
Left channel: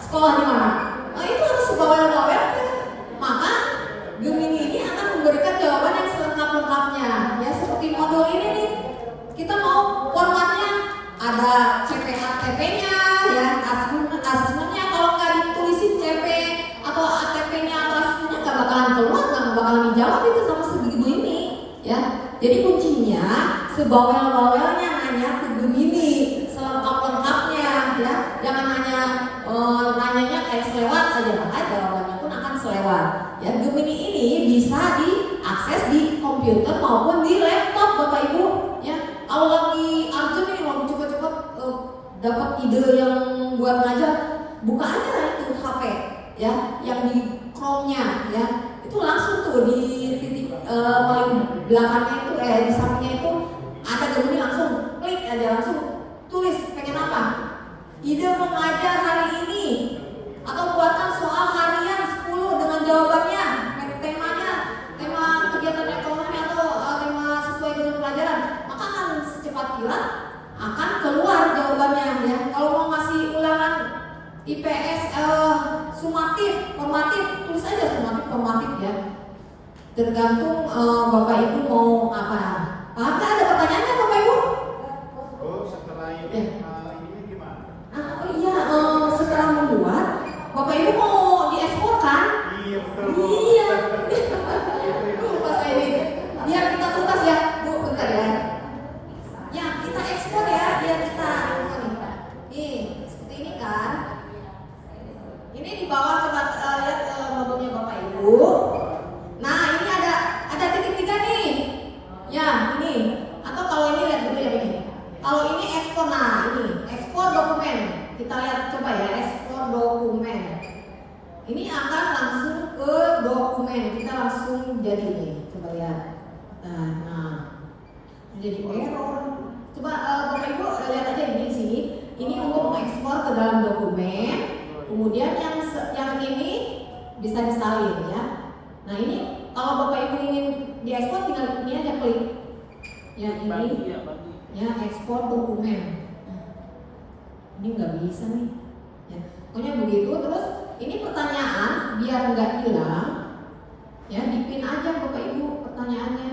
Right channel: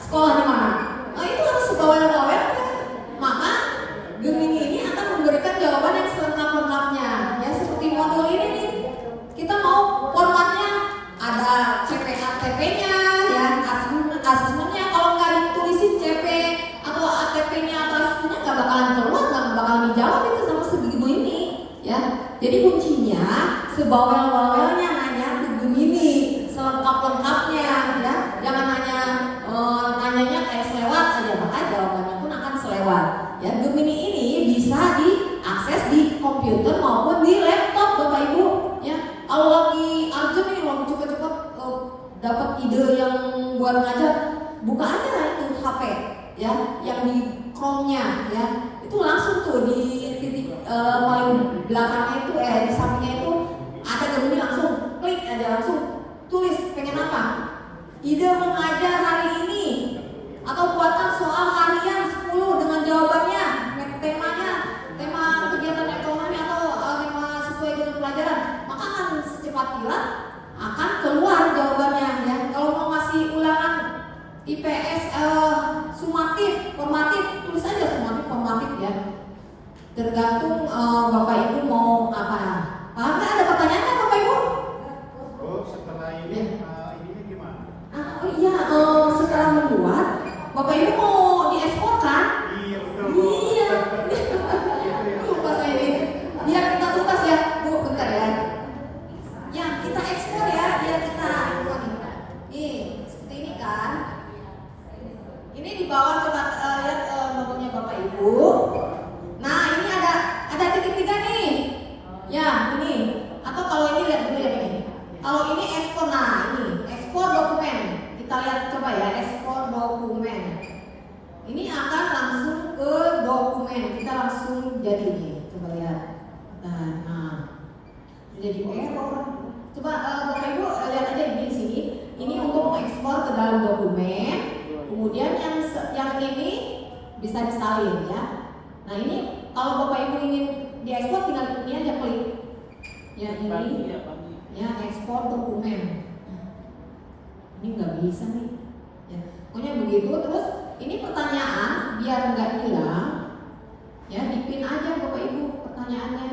sekolah di mana? Nah, itu harus sebawel-bawelnya. Maka Gemini ini akan memberikan jawaban yang selengkap-lengkapnya. Ya, seperti modul ini nih. Kita mau formatnya ada CP-ATP-nya, ya, asesmennya. Kalau nggak ditulisin CP atau ATP-nya atau asesmennya nggak bakalan keluar, nggak bakalan dijawab itu sama segitu ini, ya. Jadi kuncinya sebawel-bawelnya nanya ke Gemini, selengkap-lengkapnya, ya. Jangan nanyanya kayak selewat aja, maka jawabannya pun akan selewat. Ya, Gemini ini bisa diakses di komputer maupun di laptop, Bapak Ibu. Ya, kalau lagi urgent nih, lagi cepat-cepat dapat ide yang buat ngajar, buka aja itu HP, ya, yang di Chrome-nya, ya, itu langsung tuh di titik paling belakangnya itu, di sampingnya itu ada Gemini, langsung klik aja, langsung tulis pengen apa, ide mengajar hari ini, atau buatkan soal harian 10 dengan jawabannya, temanya, tema kegiatan ekonomi atau tema sesuai dengan pelajaran, maka akan secepat kilat akan keluar jawabannya, ya. Kalau mau ngasih ulangan IPS sumatif, formatif, tulis aja sumatif, formatif, ya. Tergantung Bapak Ibu mau apa. Paham nggak? Ada pertanyaannya Bapak Ibu? Oh, setelah ini ininya gimana? Oh iya, setelah membuat Bapak Ibu mau diekspor kan? Iya, betul. Iya. Lupa saya ini. Biar kita tuntas ya, Bu, bentar ya. Ya, kita ekspor ya, biar kita nih, seperti ini kan. Ini di bawah, coba lihat logonya Bapak Ibu. Nah, ini ada titik 3 nih. Ya, ini. Atau kalau ini lihat dulu ya ini. Kalau ini ekspor, nah ini ekspor dokumen. Kita lihat coba ya, ekspor dokumen. Ini akan langsung ke dokumen. Kita langsung jadi nih. Coba lihat. Nah, jadi error. Coba Bapak Ibu lihat aja ini di sini. Ini untuk mengekspor ke dalam dokumen. Kemudian yang ini bisa disalin, ya. Nah, ini kalau Bapak Ibu ingin diekspor, tinggal ini aja klik. Ya, ini. Ya, ekspor dokumen. Ini nggak bisa nih. Ya, pokoknya begitu. Terus ini pertanyaan biar nggak hilang, ya, dipin aja Bapak Ibu pertanyaannya.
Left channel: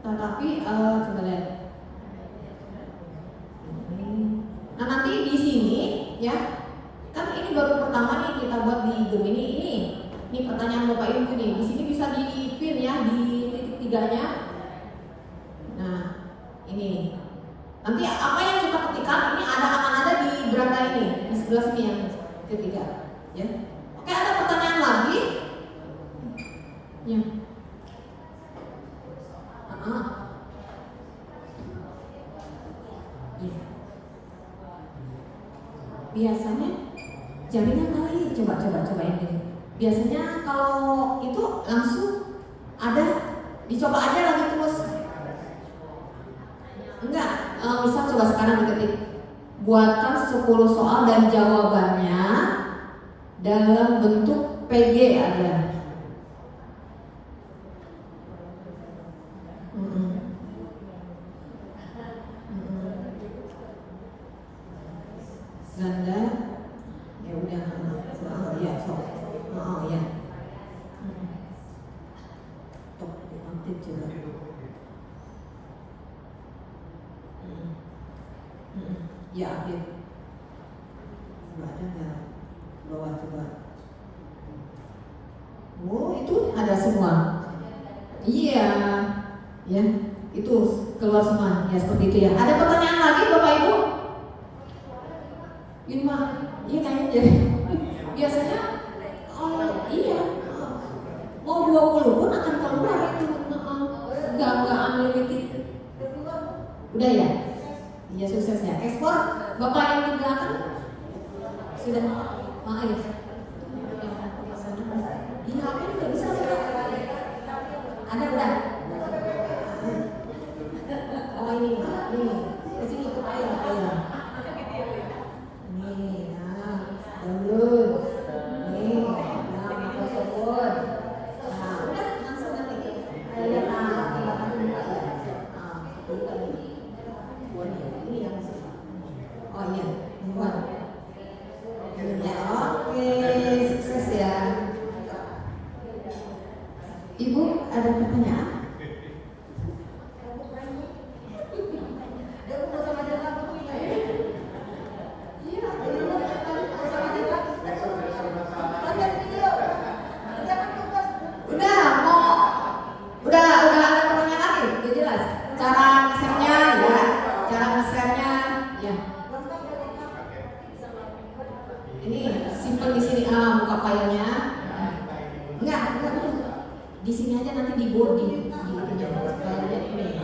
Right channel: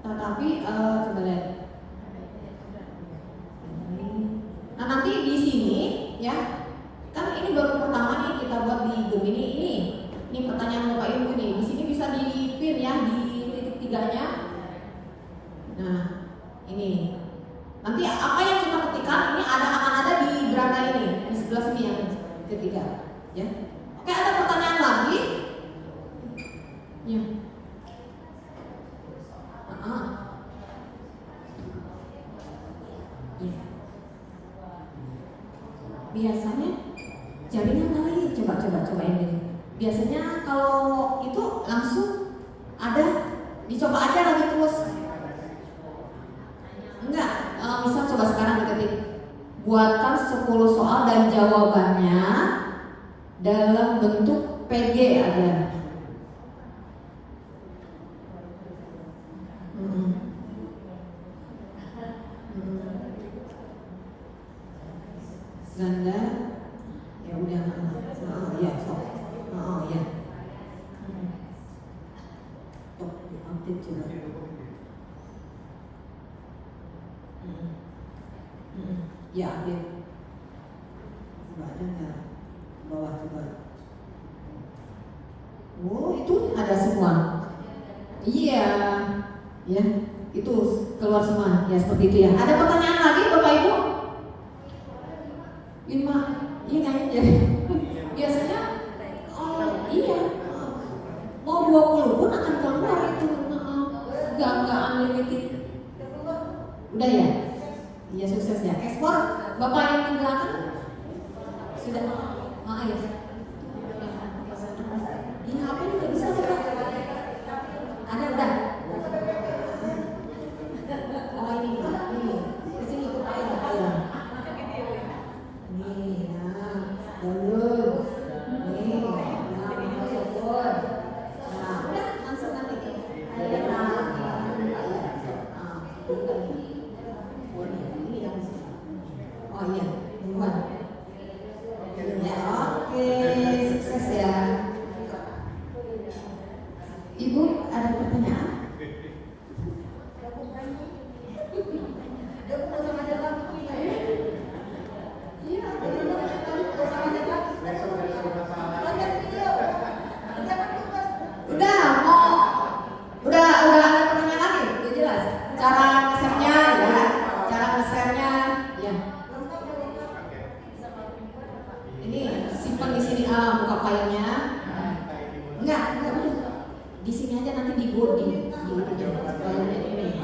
Tetapi coba lihat. Nah, nanti di sini, ya, kan ini baru pertama nih kita buat di Gemini ini. Ini pertanyaan Bapak Ibu nih. Di sini bisa dipin ya di titik 3-nya. Nah, ini nanti apa yang kita ketikkan ini akan ada di beranda ini, di sebelah sini yang ketiga, ya. Oke, ada pertanyaan lagi? Ya. Ya. Biasanya jaringan kali, coba ini. Biasanya kalau itu langsung ada, dicoba aja lagi terus. Enggak, misal coba sekarang diketik buatkan 10 soal dan jawabannya dalam bentuk PG ada. Ganda, ya udah, ya sok, ya, tuh diupdate juga. Ya update. Coba ada nggak bawah coba? Oh itu ada semua. Iya, ya itu keluar semua. Ya seperti itu ya. Ada pertanyaan lagi Bapak Ibu? 5, iya kayaknya biasanya iya mau 20 pun akan keluar itu, nggak unlimited. Udah ya, iya sukses ya. Ekspor Bapak yang di belakang sudah, ya. Di HP juga bisa sudah. Ada udah. Oh ini, di sini ikut air. Nih, download. Nih, masukkan. Nah, udah langsung nanti. Ini yang oh iya, buat. Ya, oke, sukses ya. Ibu ada pertanyaan? Udah ada pertanyaan lagi, udah jelas. Cara nge-share-nya ya, cara nge-share-nya ya. Ini simpen di sini, buka filenya. Enggak, di sini aja nanti di Word di filenya ini.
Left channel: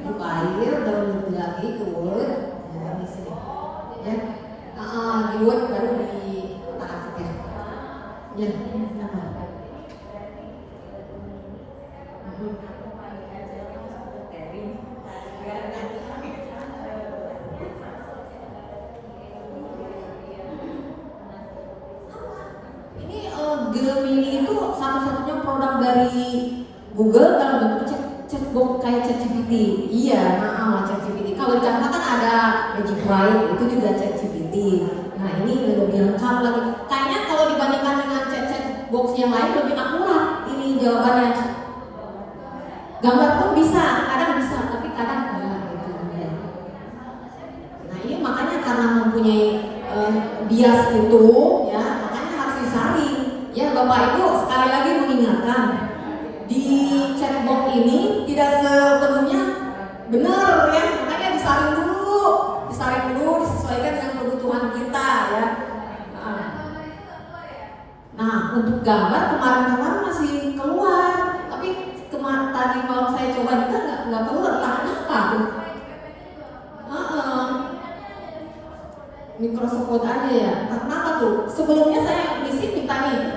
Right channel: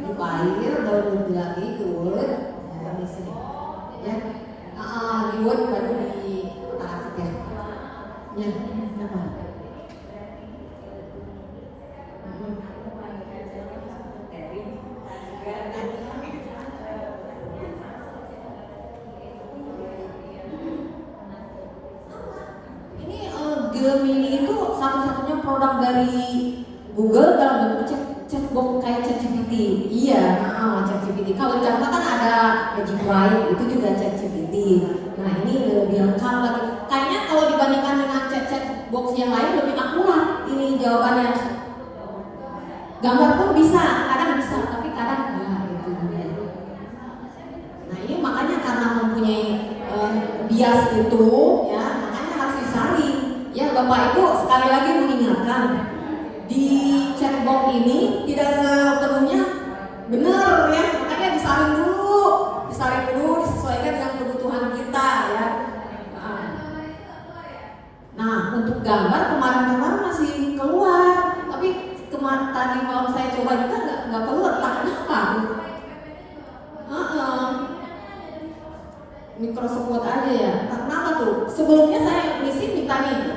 Di file download lagi ke Word, nah, di sini. Ya, di Word baru di otak-atik ya. Ya, Gemini itu satu-satunya produk dari Google dalam bentuk chatbot kayak ChatGPT. Iya, ChatGPT. Kalau di Canva kan ada Magic Write, itu juga ChatGPT. Nah ini lebih lengkap lagi. Kayaknya kalau dibandingkan dengan chatbox yang lain lebih akurat ini jawabannya. Gambar pun bisa, kadang bisa, tapi kadang enggak gitu. Nah ini makanya karena mempunyai bias itu, ya makanya harus disaring. Ya Bapak Ibu sekali lagi mengingatkan di chatbot ini tidak sepenuhnya benar ya, makanya disaring dulu, disesuaikan dengan kebutuhan kita ya. Nah untuk gambar kemarin masih keluar, tapi tadi malam saya coba juga nggak keluar, entah kenapa. Microsoft Word aja ya. Kenapa tuh? Sebelumnya saya misi minta nih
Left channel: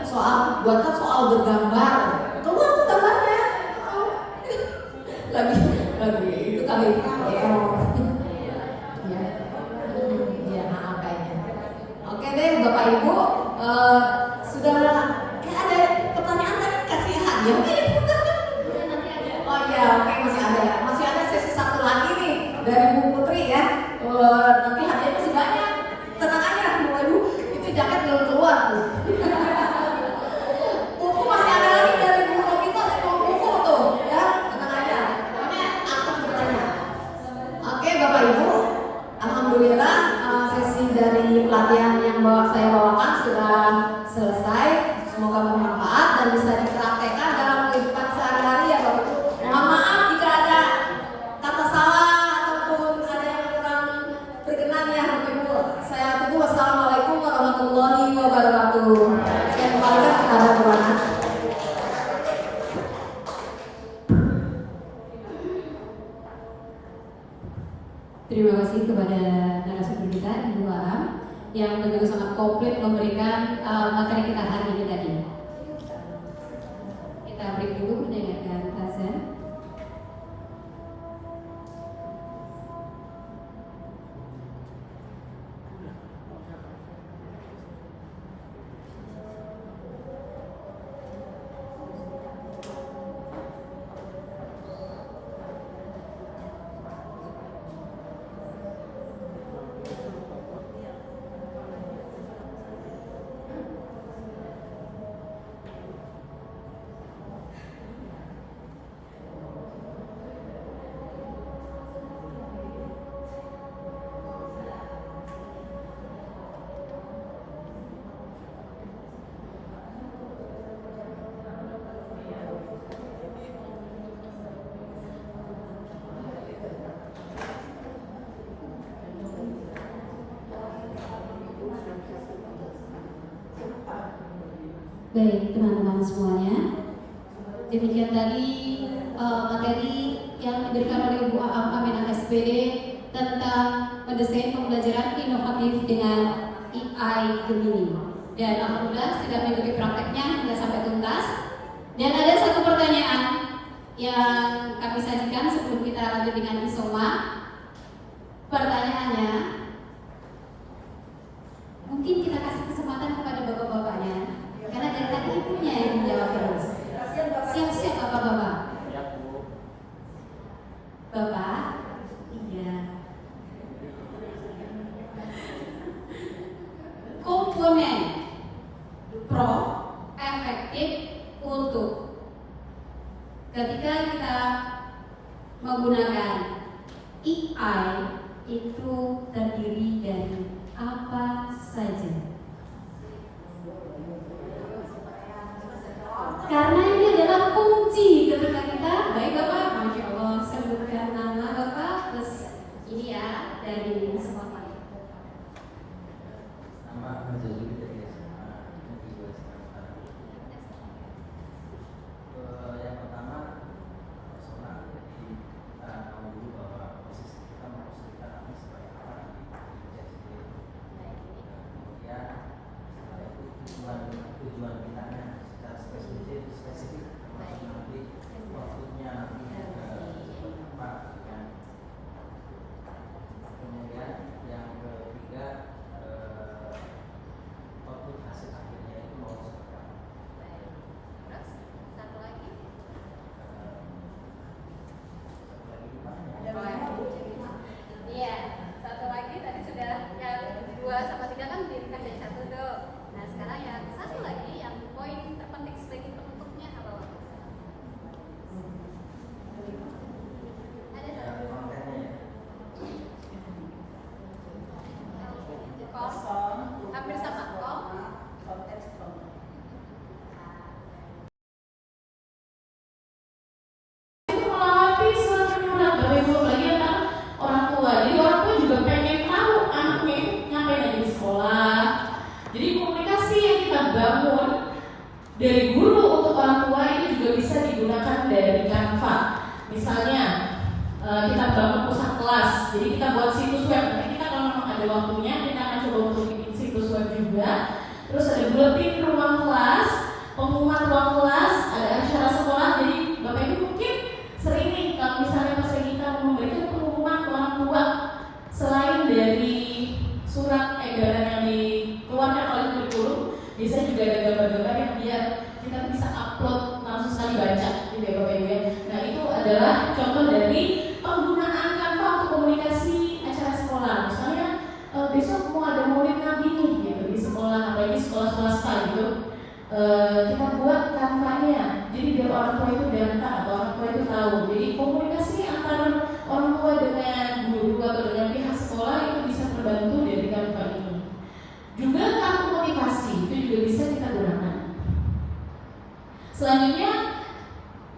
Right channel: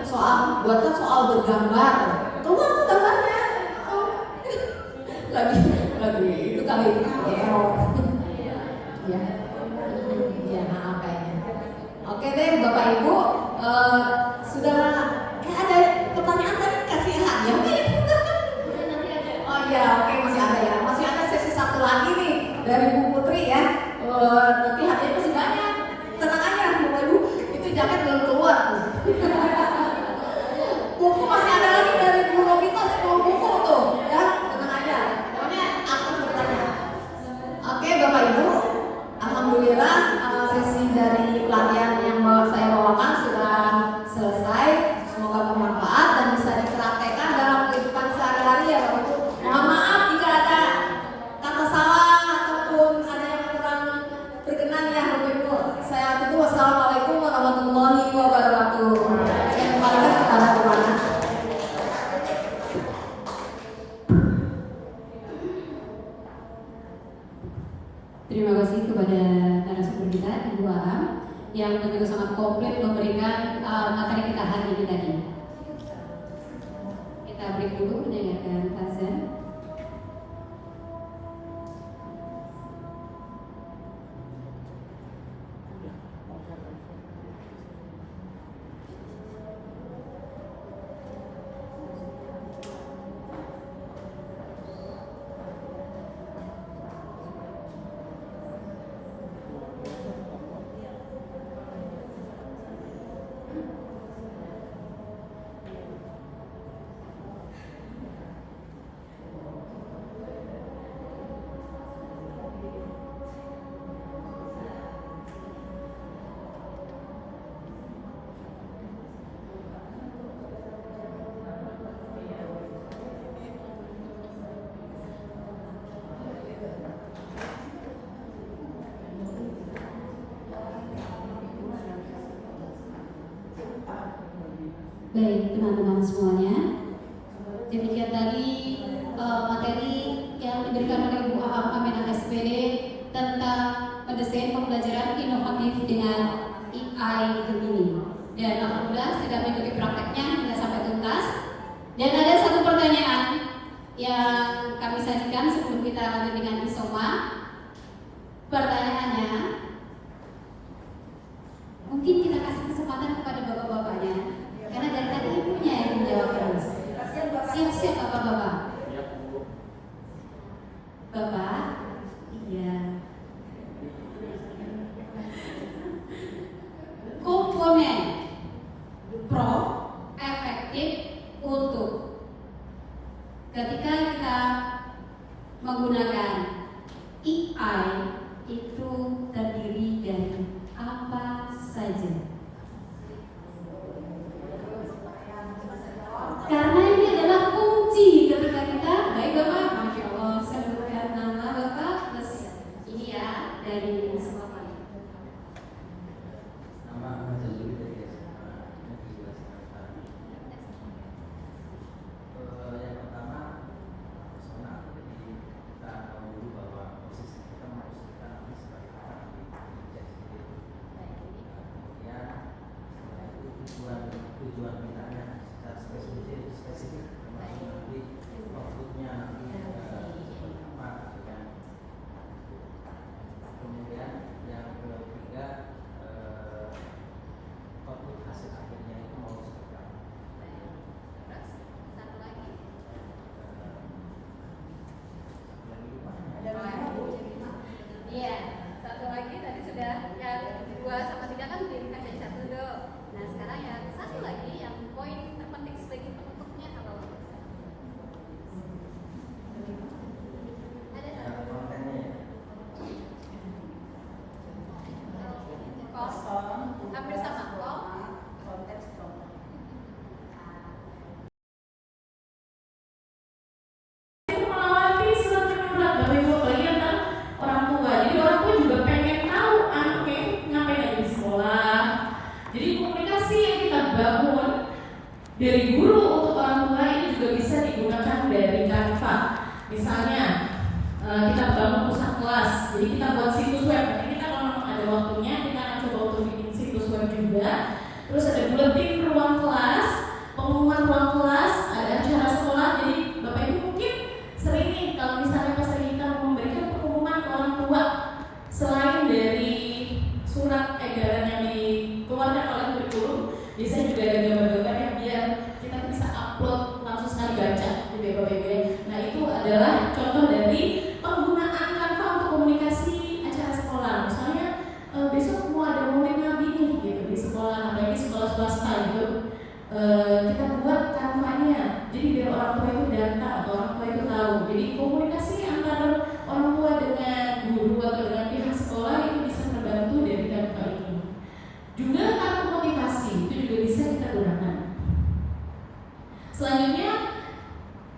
buatkan soal bergambar. Keluar tuh gambarnya. lagi itu kali error. Ya. Ya, kayaknya. Oke deh Bapak Ibu, sudah ada pertanyaan tadi kasih hadiah. Oh iya, oke masih ada ya. Masih ada sesi satu lagi nih dari Bu Putri ya. Nanti hadiahnya masih banyak. Tenang aja Bapak Ibu, itu jaket belum keluar tuh. Buku masih ada lagi dari Bu Novita 10 buku tuh ya, tenang aja. Pokoknya aku bertanya. Oke Bapak Ibu, alhamdulillah sesi dari pelatihan yang saya bawakan sudah selesai. Semoga bermanfaat dan bisa dipraktekkan dalam kehidupan sehari-hari ya Bapak Ibu. Mohon maaf jika ada kata salah ataupun ada yang kurang berkenan ya Bapak Ibu. Saya tutup. Wassalamualaikum warahmatullahi wabarakatuh. Saya kembalikan kepada Tuhan. Terima kasih kepada narasumber kita Ibu Aram yang begitu sangat komplit memberikan materi kita hari ini tadi. Kita break dulu mendengarkan azan. Baik teman-teman semuanya, demikian tadi materi yang diberikan oleh Bu Aminah SPD tentang mendesain pembelajaran inovatif dengan AI Gemini. Dan alhamdulillah sudah mengikuti prakteknya hingga sampai tuntas. Dan ada satu pertanyaan yang kami sajikan sebelum kita lanjut dengan Isoma. Pertanyaannya, mungkin kita kasih kesempatan kepada bapak-bapaknya, karena dari tadi ibunya yang menjawab terus. Siap-siap bapak-bapak. Ya, Bu. Bapak, iya. Komponen Prof efektif untuk ketika kita menggunakan AI itu terdiri dari apa saja? Karena ini adalah kunci ketika kita, baik Bapak, Masya Allah, sebutkan nama Bapak, terus ini ya dari sekolah. Nama Mazali dari SMA Negeri 2 Semarang. Yang pertama personal, jadi kita tahu dulu bahwa posisi kita memposisikan nanti sebagai apa nanti di chat sendiri. Kemudian setelah itu tujuan kita secara spesifik termasuk nanti outputnya nanti seperti apa gitu kan. Kemudian yang ketiga output hasil akhirnya itu mau seperti apa. Terus satu lagi. Iya, satu lagi tadi sudah yang 2 sama 3 kan diringkas jadi 1 tuh. Nah sekarang yang satu lagi yang poin terpenting sebagai penutupnya apa? Ada satu. Kontennya ya. Hampir sama kok. Melatih semakin berat Bapak Ibu, apalagi tentang orang tua. Jadi orang tua juga pengen tahu anaknya itu ngapain aja di sekolah. Jadi komunikasi yang kita bangun dari guru untuk orang tua ini juga bisa digunakan dari Canva. Misalnya kita bangun pusat kelas, jadi kita buat situs web. Nanti kita kalau memang ada waktunya kita akan coba untuk bikin situs web juga. Terus ada buletin ruang kelas, pengumuman ruang kelas, ada acara sekolah. Jadi Bapak Ibu mungkin sering nih kalau misalnya pas lagi kita memberikan pengumuman ke orang tua, selain dari surat edaran yang dikeluarkan oleh kurikulum, biasanya juga ada gambar-gambar yang biar kita bisa upload langsung sekali baca gitu ya Bapak Ibu ya. Nah itu adalah contoh dari penggunaan Canva untuk komunikasi acara sekolah. Misalnya besok mau ada maulid nabi nih gitu di sekolah, apalagi sekolah swasta gitu. Kita buat Canva-nya, jadi biar orang tua itu datang atau orang tua itu tahu. Jadi komunikasi antara orang tua dengan guru atau dengan pihak sekolah itu bisa terbantu dari Canva ini. Juga kartu motivasi itu juga bisa kita gunakan. Selanjutnya,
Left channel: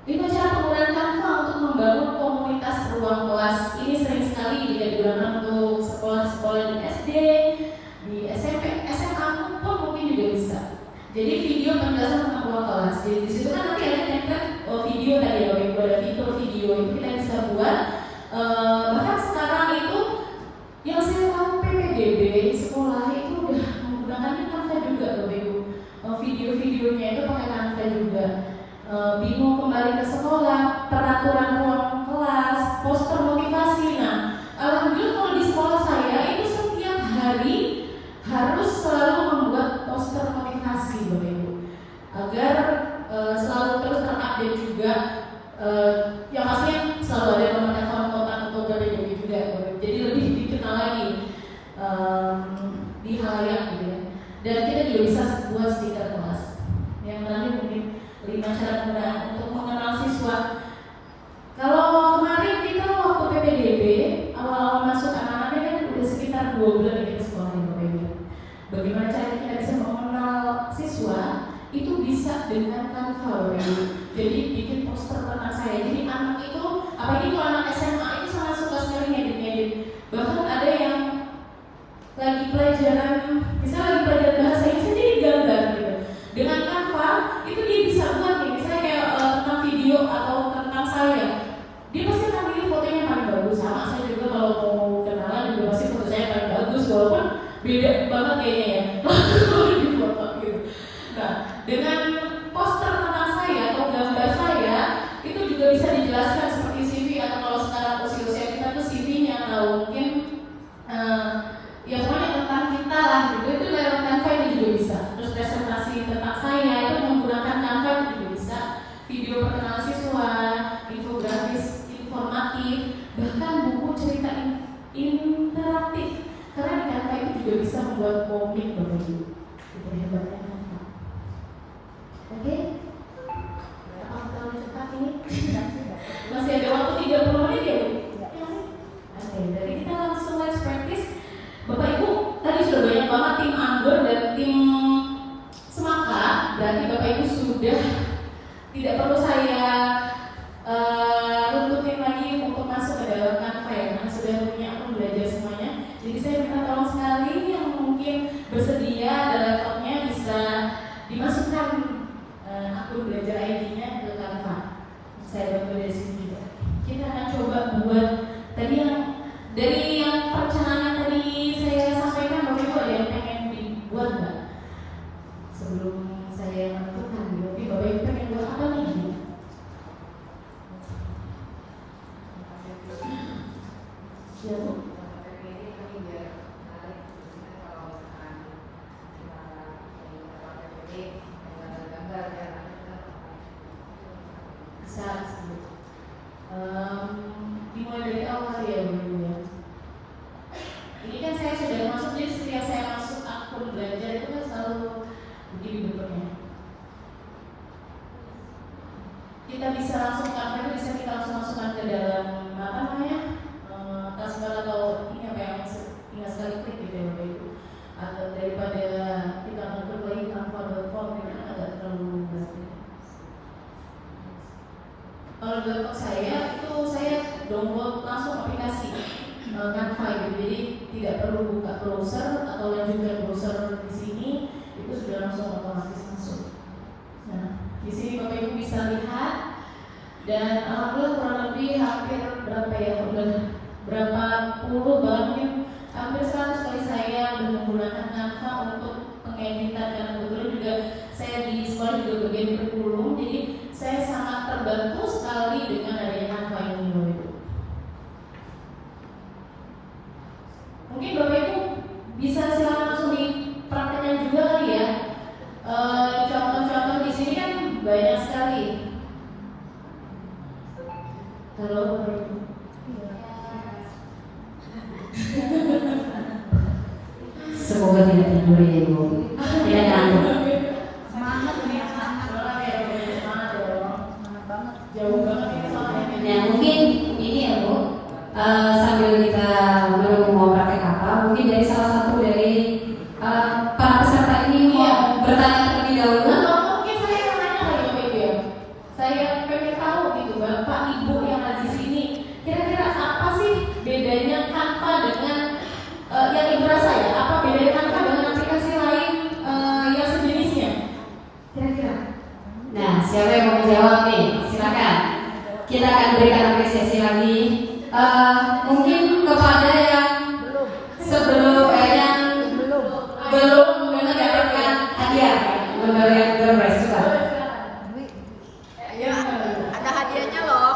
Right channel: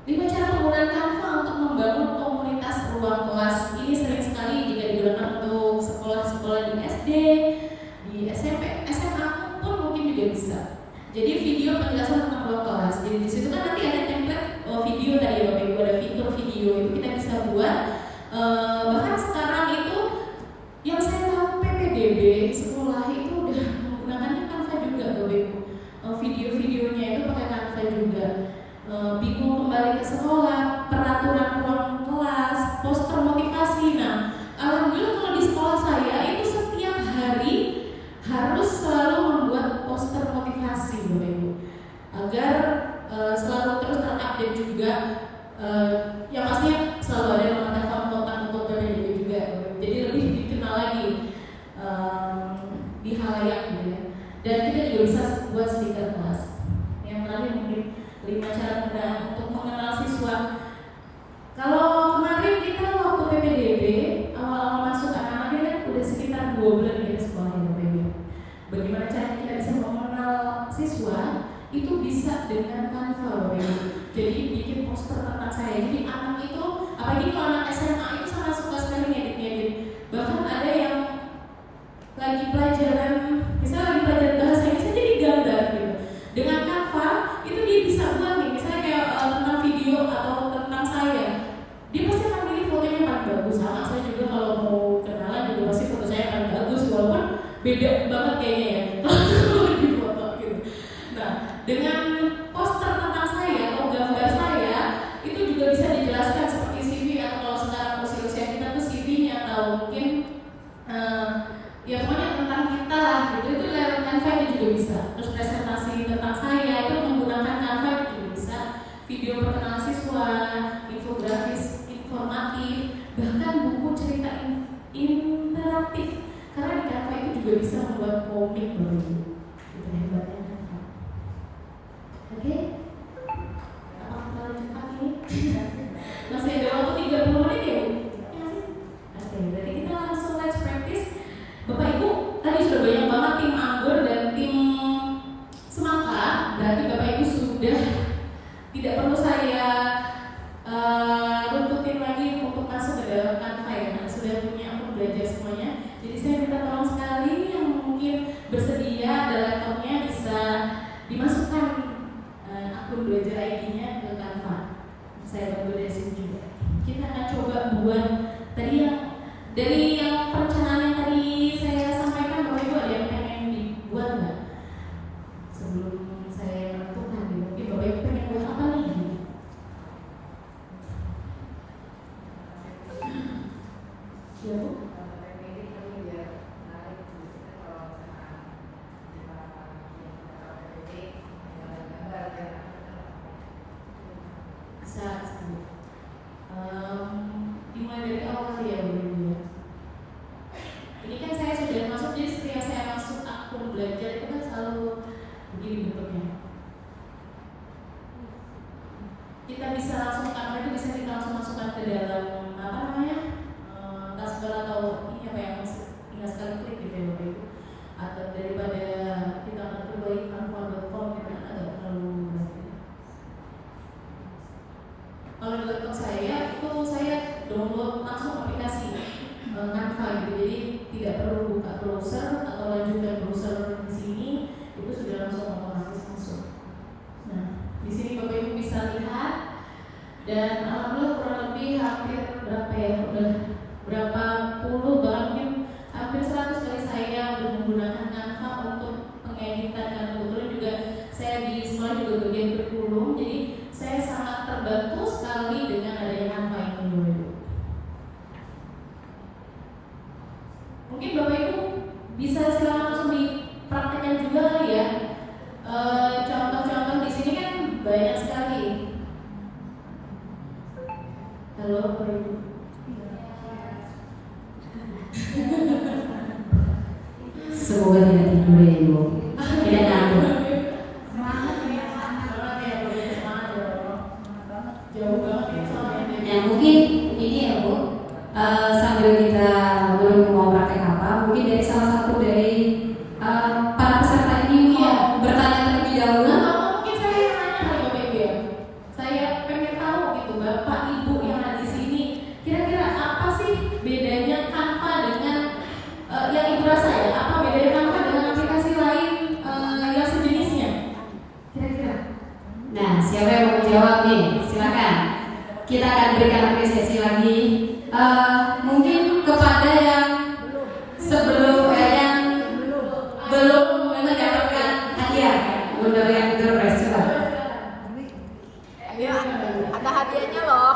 5 cara penggunaan Canva untuk membangun komunitas ruang kelas. Ini sering sekali jika digunakan untuk sekolah-sekolah di SD, di SMP, SMA pun mungkin juga bisa. Jadi video penjelasan tentang ruang kelas. Jadi di situ kan nanti ada template video tadi ya Bapak Ibu, ada fitur video itu kita bisa buat. Bahkan sekarang itu yang saya tahu PPDB sekolah itu udah menggunakannya Canva juga Bapak Ibu. Video-videonya itu pakai Canva juga. Bingung kembali ke sekolah, peraturan ruang kelas, poster motivasi. Nah, alhamdulillah kalau di sekolah saya itu setiap hari harus selalu membuat poster motivasi Bapak Ibu agar selalu terus terupdate juga. Yang pastinya selalu ada nomor telepon kontak untuk PPDB juga, jadi lebih dikenal lagi di halayak gitu ya. Dan kita juga bisa buat stiker kelas. Yang terakhir mungkin 5 cara penggunaan untuk mengenal siswa. Kalau kemarin kita waktu PPDB awal-awal masuk anak-anaknya kan udah sekitar 2 bulan di sekolah ya Bapak Ibu. Bagaimana caranya kita bisa mengenal siswa? Itu bisa dengan Canva Bapak Ibu. Jadi bikin poster tentang saya. Jadi anak itu, apalagi kalau anak SMA itu sangat suka sekali ngedit-ngedit. Bahkan ada yang lagi pelajaran, misalnya lagi pelajaran bahasa Inggris jadi gambar gitu. Dengan Canva beda banget kayaknya ya kalau di foto gitu. Nah, dengan poster tentang saya atau gambar saya itu juga bisa dijelaskan seperti CV, atau kalau sekarang usia kita tuh CV-nya atau mungkin ya pokoknya tentang kita lah gitu, itu lewat Canva itu juga bisa. Terus presentasi tentang saya itu menggunakan Canva itu juga bisa. Video perkenalan siswa, infografis informatif, bahkan buku cerita interaktif. Karena di Canva itu juga bisa membuat komik Bapak Ibu. Itu hebatnya Canva. Oke? Apakah terlalu cepat ini? Masih ada waktu 30 menit ya Bu? Ya sih? Oke, berarti kita langsung let's practice. Bapak Ibu, tadi sudah banyak banget tim Anggur dan tim Semaka. Berarti Bapak Ibu sudah tidak perlu saya runtutin lagi untuk masuk ke dalam Canva ya, karena sudah punya akun belajar semuanya. Jadi saya minta tolong sekali yang mungkin bersedia ada laptopnya bisa dimasukkan akun belajar ID-nya ke Canva. Saya bantu dari sini juga. Kita akan coba buat tadi yang dari yang perencanaan yang tadi saya sampaikan. Bapak Ibu ada yang pengen dibuat nggak? Sebelum saya menentukan, berarti Bapak Ibu pengen buat apa nih? Ya Bu? Bisa. Dimulai dari awal ya Bu ya. Ini kan saya sudah masuk, jadi setiap saya masuk akun belajar itu kan selalu begini bentuknya. Kita bisa langsung Canva, bisa kita langsung masukkan ke dalam apa namanya taskbar atau ini apa yang tinggal sekali klik gitu ya Bapak Ibu. Atau daripada kita bentuk lagi canva.com gitu kan agak terlalu berat. Kalau di laptop saya itu saya download langsung aplikasi Canva gitu, jadi tidak perlu buka browser atau lanjutkan browser di sini, itu sudah langsung otomatis masuk. Nah, di sini Bapak Ibu bisa lihat dan alhamdulillah kurang lebih hampir berapa ya, udah berapa puluh bahkan mungkin hampir 100 kali saya menggunakan Canva untuk pengeditan, karena kebetulan juga saya di sekolah juga bagian kurikulum, jadi saya sangat terbantu sekali dengan adanya Canva ini Bapak Ibu. Mungkin Bapak Ibu bisa silakan langsung dipraktekkan juga kali ya. Contoh-contoh di sini kan banyak sekali. Halo Bapak Ibu. Semoga tidak tidur ya Ibu. Tidak ngantuk. Nah mungkin ini ya Bu, sambil kita belum mau praktek apa, mungkin dari salah satu dari para peserta ini mau bertanya terlebih dahulu. Mungkin saya yang nanya kali Bapak Ibu ya. Saya pengen tahu gitu Bapak Ibu yang ada di sini, kira-kira apa sih bedanya Canva dengan yang Ibu rasa ya? Apa bedanya Canva dengan aplikasi lain yang sejenisnya? Kira-kira? Nah, siapa yang mau menjawab nih? Silakan. Kita akan berikan apresiasi lagi. Mungkin kepada yang sebelum yang belum mendapatkan hadiah, mendapatkan door prize juga. Ada hadiahnya loh.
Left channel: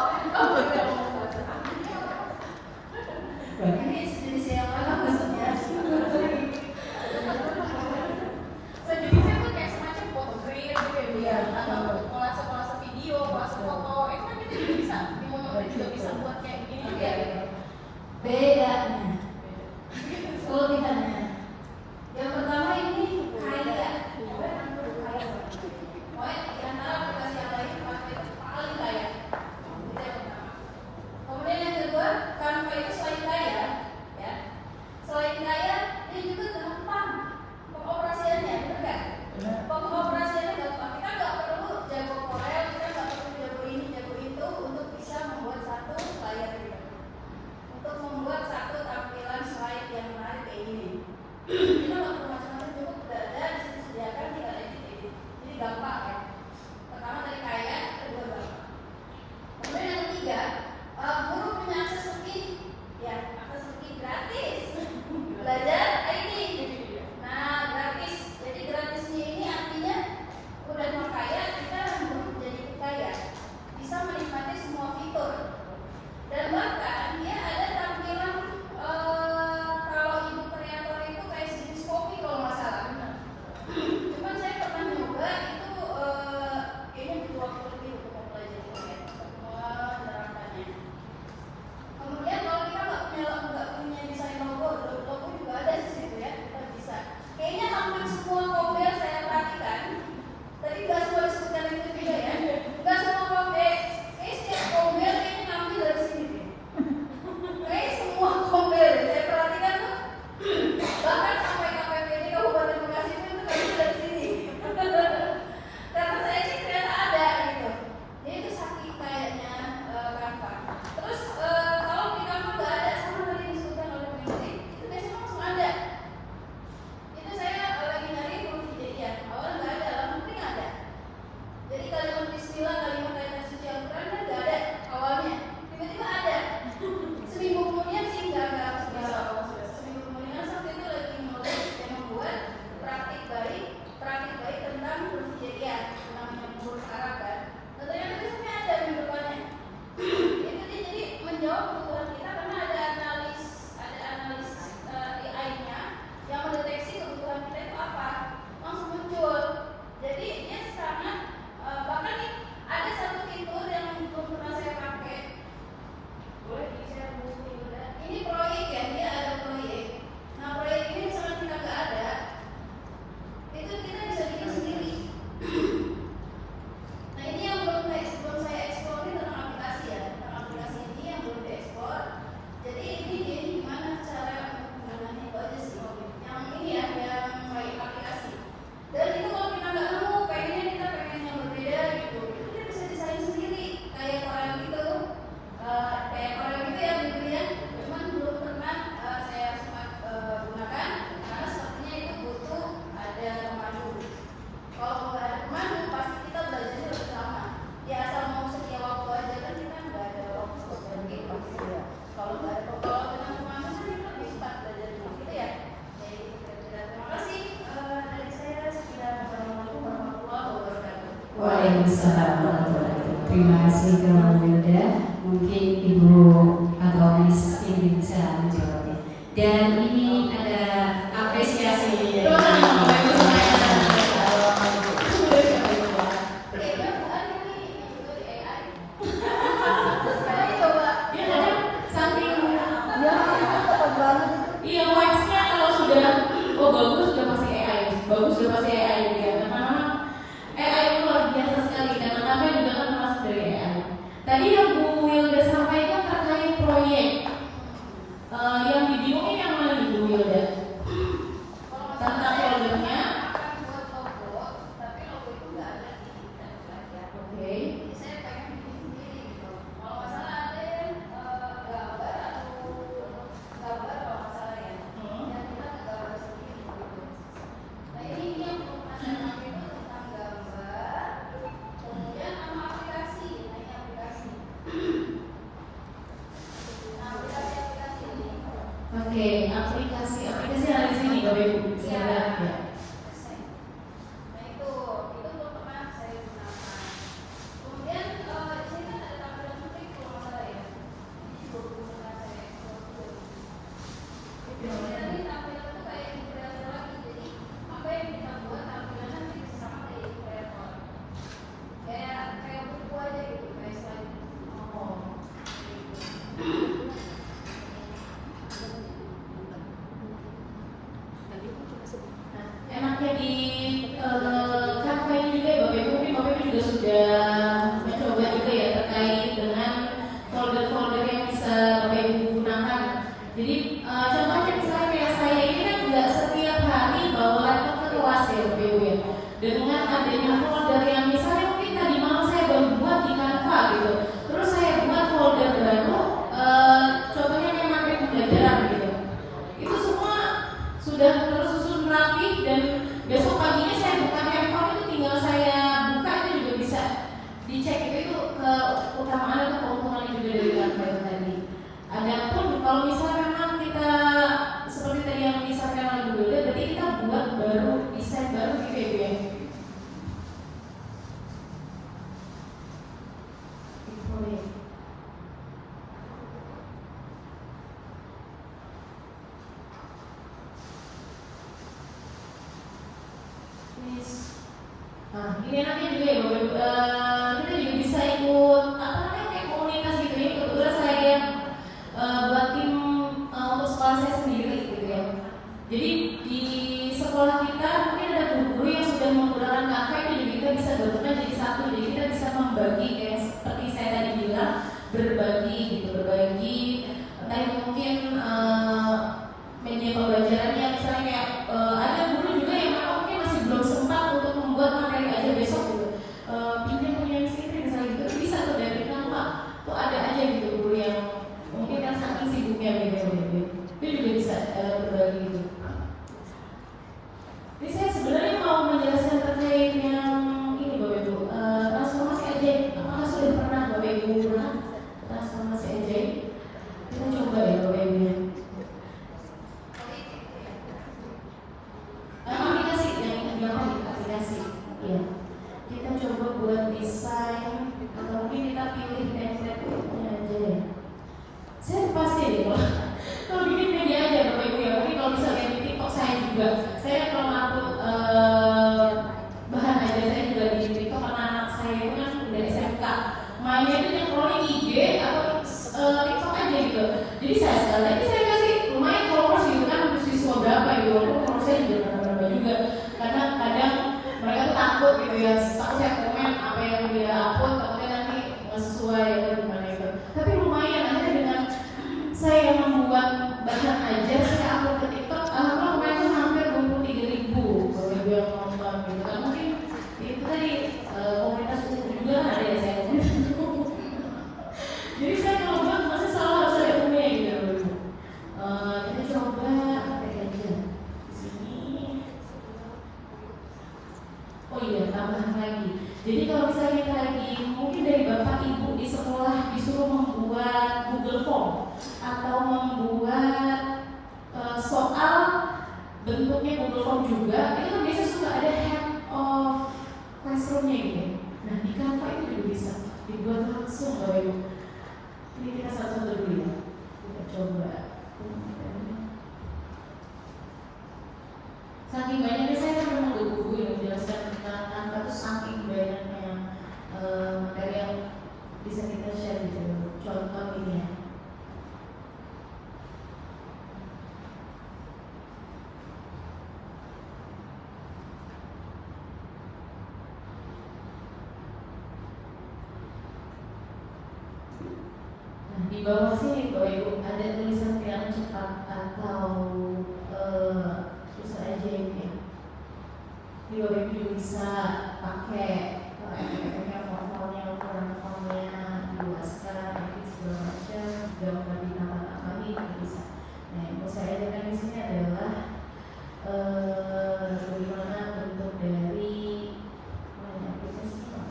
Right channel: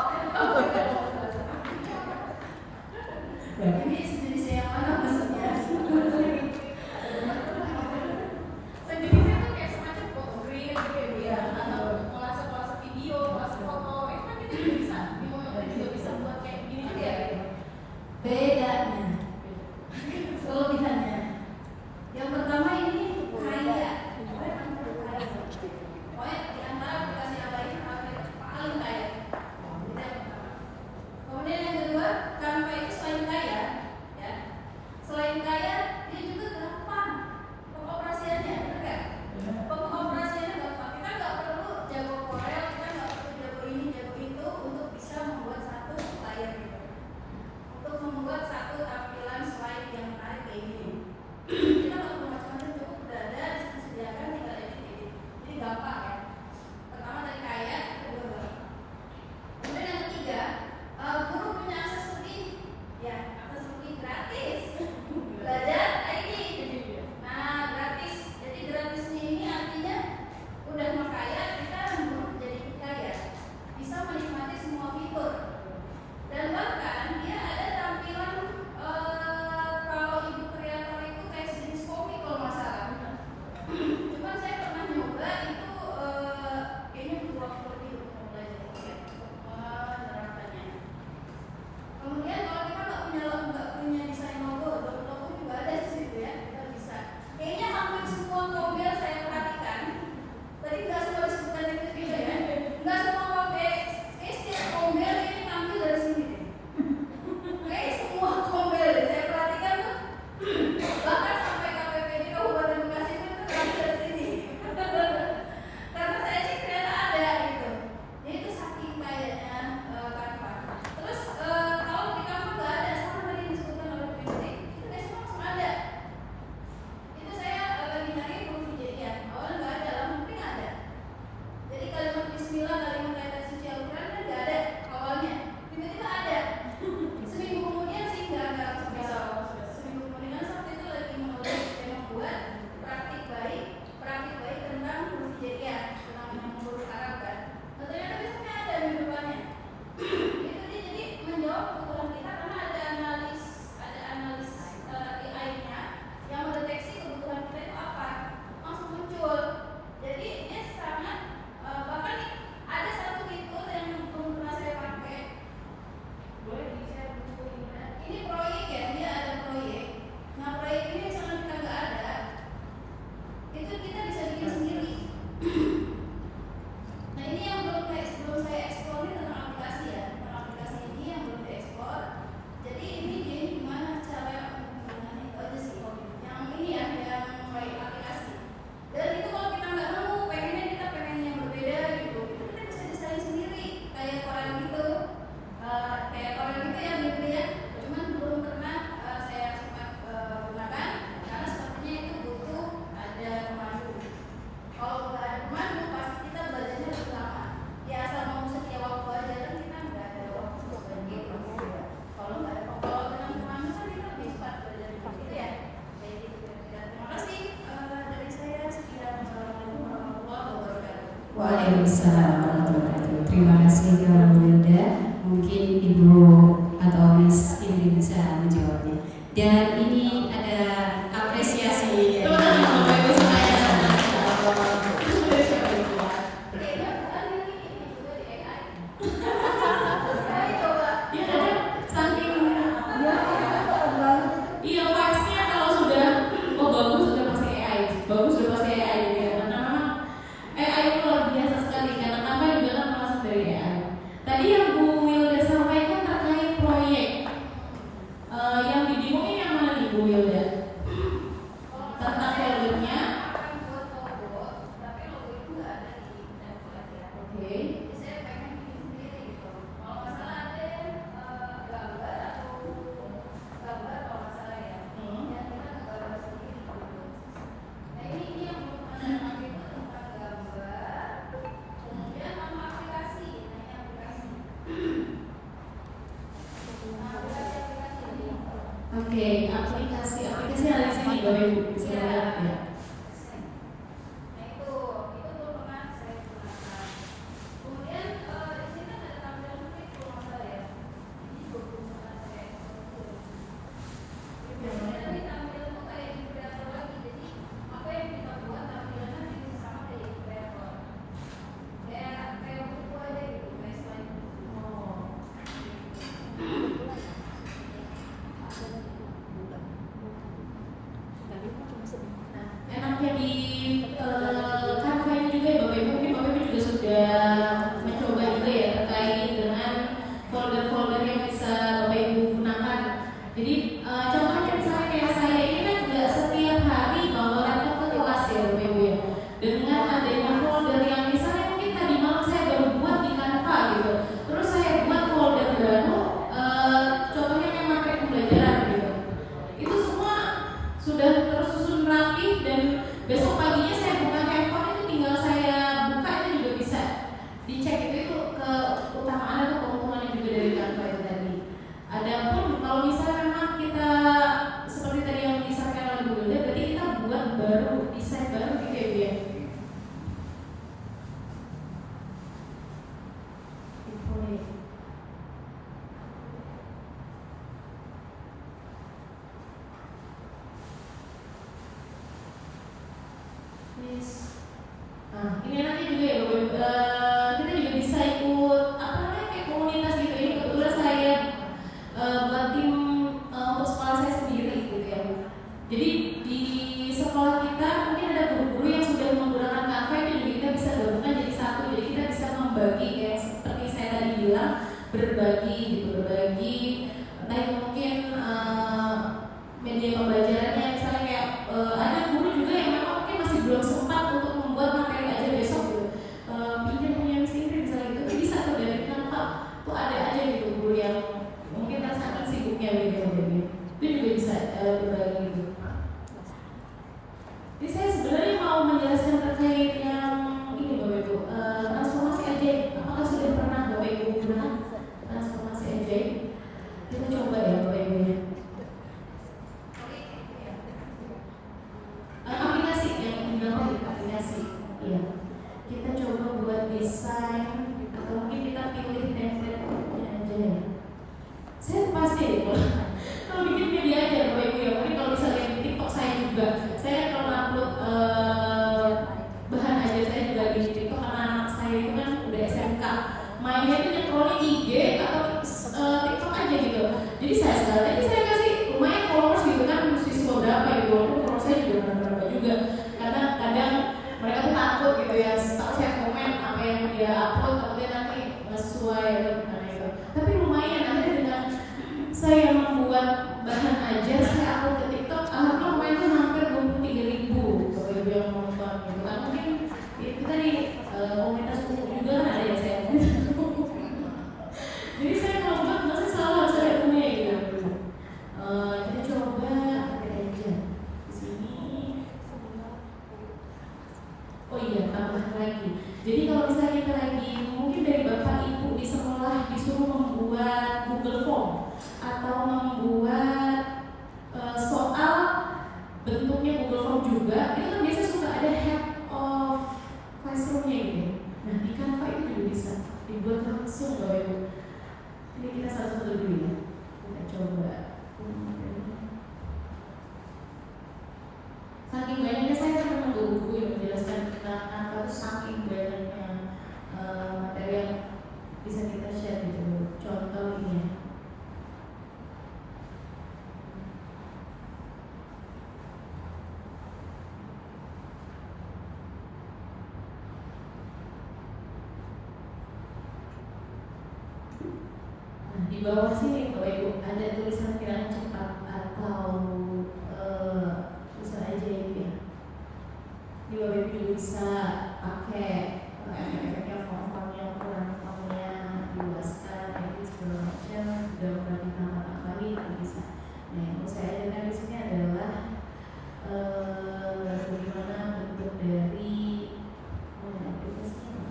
Ini sejenis yang mana maksudnya? Sejenisnya kan kayak semacam foto print gitu ya, atau kolase video, kolase foto, itu kan kita juga bisa buat kayak begini ya. Bedanya, kelebihannya. Yang pertama ini kaya. Pokoknya Waalaikumsalam warahmatullahi wabarakatuh. Terima kasih ke Wilda. Mungkin Ibu atau Miss ini bisa menjawabnya. Dan ini ada apresiasi dari Iya, vibes-nya kalau sudah bagus sudah pasti AI, bagus sudah pasti AI gitu ya. Karena memang AI itu luar biasa sekali. Karena Canva juga kan termasuk dari AI. Tadi yang Bu Wilda sampaikan terkait proyek, yang dibingungin yang mana nih Bu Wilda? Tentang foldernya. Oke. Oke, aplikasi ada di sini Bapak Ibu bisa lihat ya. Enaknya di Canva ini juga ya Bapak Ibu, mungkin Bapak Ibu juga sudah mencoba juga ya terkait dengan folder-folder yang bisa Bapak Ibu gunakan. Jadi contohnya misalnya kayak saya ini kan nggak setiap hari bawa laptop ke kelas ya Bapak Ibu ya. Dengan adanya folder yang misalnya mungkin tadi malam saya baru buat di Canva gitu, terus saya buat folder baru, contohnya kayak materi pembelajaran gitu. Itu semua sudah tersusun rapi dan besok paginya saya buka handphone itu tinggal saya buka itu juga bisa dicek itu keutamaan atau keuntungannya juga dari Canva itu tadi. Adapun kalau misalnya memang kita seperti tadi yang disampaikan oleh Bu Wilda, berarti kita buat baru desain baru gitu ya Bu ya. Nah, ini enaknya juga ya Bapak Ibu, kita juga bisa ikut apa namanya kayak komunitas gitu. Ini kebetulan saya buat tim untuk sekolah saya sendiri gitu ya. Jadi di sekolah kita mungkin ada guru-guru yang sudah menggunakan Canva, itu juga kita bisa gabungkan jadi satu. Jadi kita bisa membagi kayak seperti saya tadi bilang, berbagi gitu, berbagi entah itu mungkin media pembelajarannya, misalnya kayak ada guru juga yang mungkin masih belum sempat untuk membuat materi aja besok gitu, pinjam punya Miss Indri misalnya gitu, itu bisa tuh dari Canva tuh ada aja gitu guru yang mungkin kan saking sibuknya gitu, itu juga bisa berbagi gitu. Jadi saya sebenarnya mau menjelaskan terkait yang ini Bapak Ibu, transformasi ajaib. Apakah sudah pernah Bapak Ibu gunakan transformasi ajaib? Kita coba ya Bapak Ibu ya. Aplikasi yang gampang, aplikasi ya. Kita coba buat desain atau mungkin kita pilih template-nya aja ya. Saya pasti deh kalau bikin media aja Bapak Ibu ya. Mungkin kalau bisa lihat di TikTok saya juga. Saya kan kalau upload bahan aja saya juga di TikTok karena anak saya itu kan udah SMK. Mainnya itu nyekrolnya IG atau TikTok aja gitu. Jadi saya kasih lumayan followers gitu kan, siswa berapa gitu. Walaupun followers saya juga berapa juga. Karena kadang mereka tuh takut gitu ya, takut saya komen apa yang dia upload, takutnya nanti nggak sesuai atau gimana gitu. Tapi lumayan, akhirnya dengan saya membuat bahan ajar, saya upload ke TikTok, alhamdulillah kemarin tuh hampir 23.000 Bapak Ibu yang nonton gitu kan. Mungkin itu tadi komunitas umum juga kan ada ya saya. Jadi saya kalau buat masih selalu harus ada umumnya gitu Bapak Ibu. Kita coba apa aja di sini. Oh iya, tambahan lagi. Jadi kalau misalnya kita lagi mungkin dari Bapak Ibu di sekolah disuruh membuat Google Form atau membuat soal bentuknya Google Form juga, itu kan biasanya suka ada head of classroom-nya gitu. Bapak Ibu. Ini kita satu-satu dulu ya. Kita coba. Saking banyaknya saya kan memang buku yang menjelaskan tentang tanpa itu saking banyaknya materi yang bisa kita share gitu. Contoh ini ya. Nah, di bawah sini Bapak Ibu ada tulisan bilangan cepat atau tulisan ajaib ya. Di Bapak Ibu juga bisa pakai efek-efeknya, form-formnya, ukuran-formnya, luaskan, edit segala macam, gambar ditambah apa ini juga bisa. Nah, yang mau saya ajarkan di sini adalah bagaimana bentuk dari aplikasinya.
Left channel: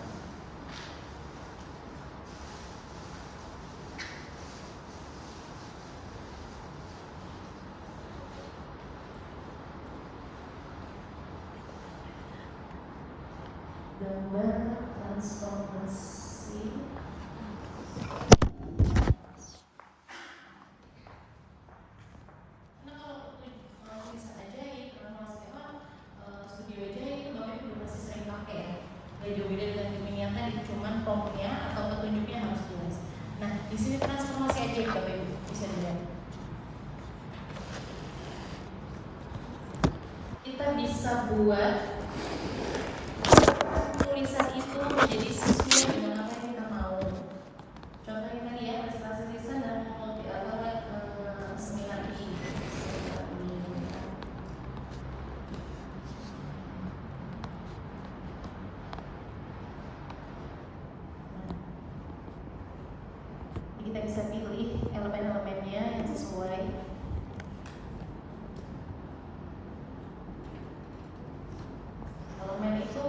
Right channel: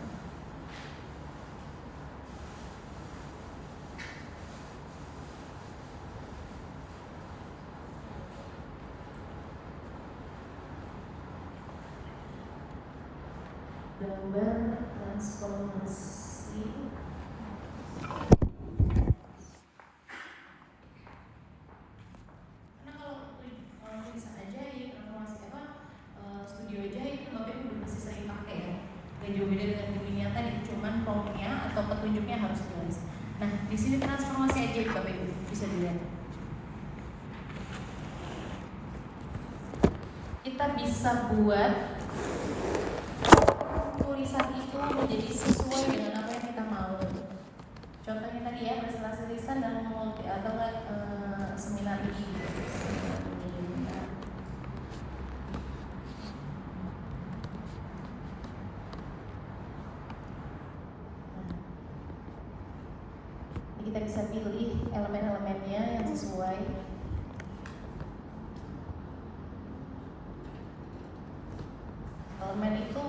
Gambar transformasi. Nah, kalau bisa ajaib, transformasi studio ajaib itu Bapak Ibu udah pasti sering pakai ya. Gak jauh beda dengan Gemini yang tadi, cuman promptnya atau petunjuknya harus jelas. Nah, di sini transformasi ajaib Bapak Ibu bisa dilihat. Kita bisa buat tulisan itu menjadi sesuai dengan apa yang kita mau. Contohnya tadi ya, presentasi tulisan dan multi atau seminar ini. Kita bisa pilih elemen-elemennya yang sesuai. Elemen itu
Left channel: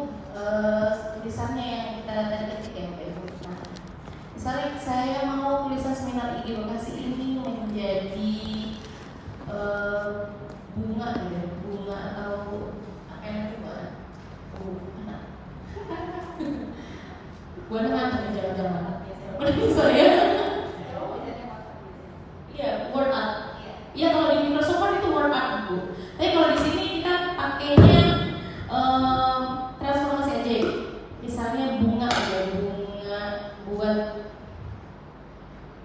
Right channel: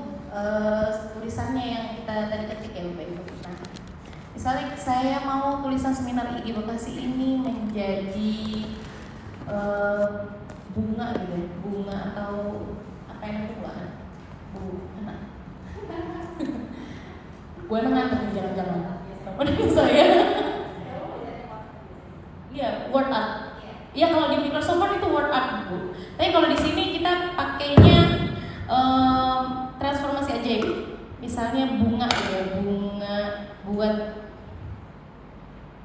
tulisannya yang kita tadi ketik ya Bapak Ibu. Nah, misalnya saya mau tulisan seminar IG Bekasi ini menjadi bunga gitu, bunga atau apa yang itu buah? Bunga. Gua ngantuk jangan-jangan. Udah saya. Iya, word art. Iya kalau di Microsoft Word itu word art Bu. Tapi kalau di sini kita pakainya transformasi ajaib. Misalnya bunga ya, bunga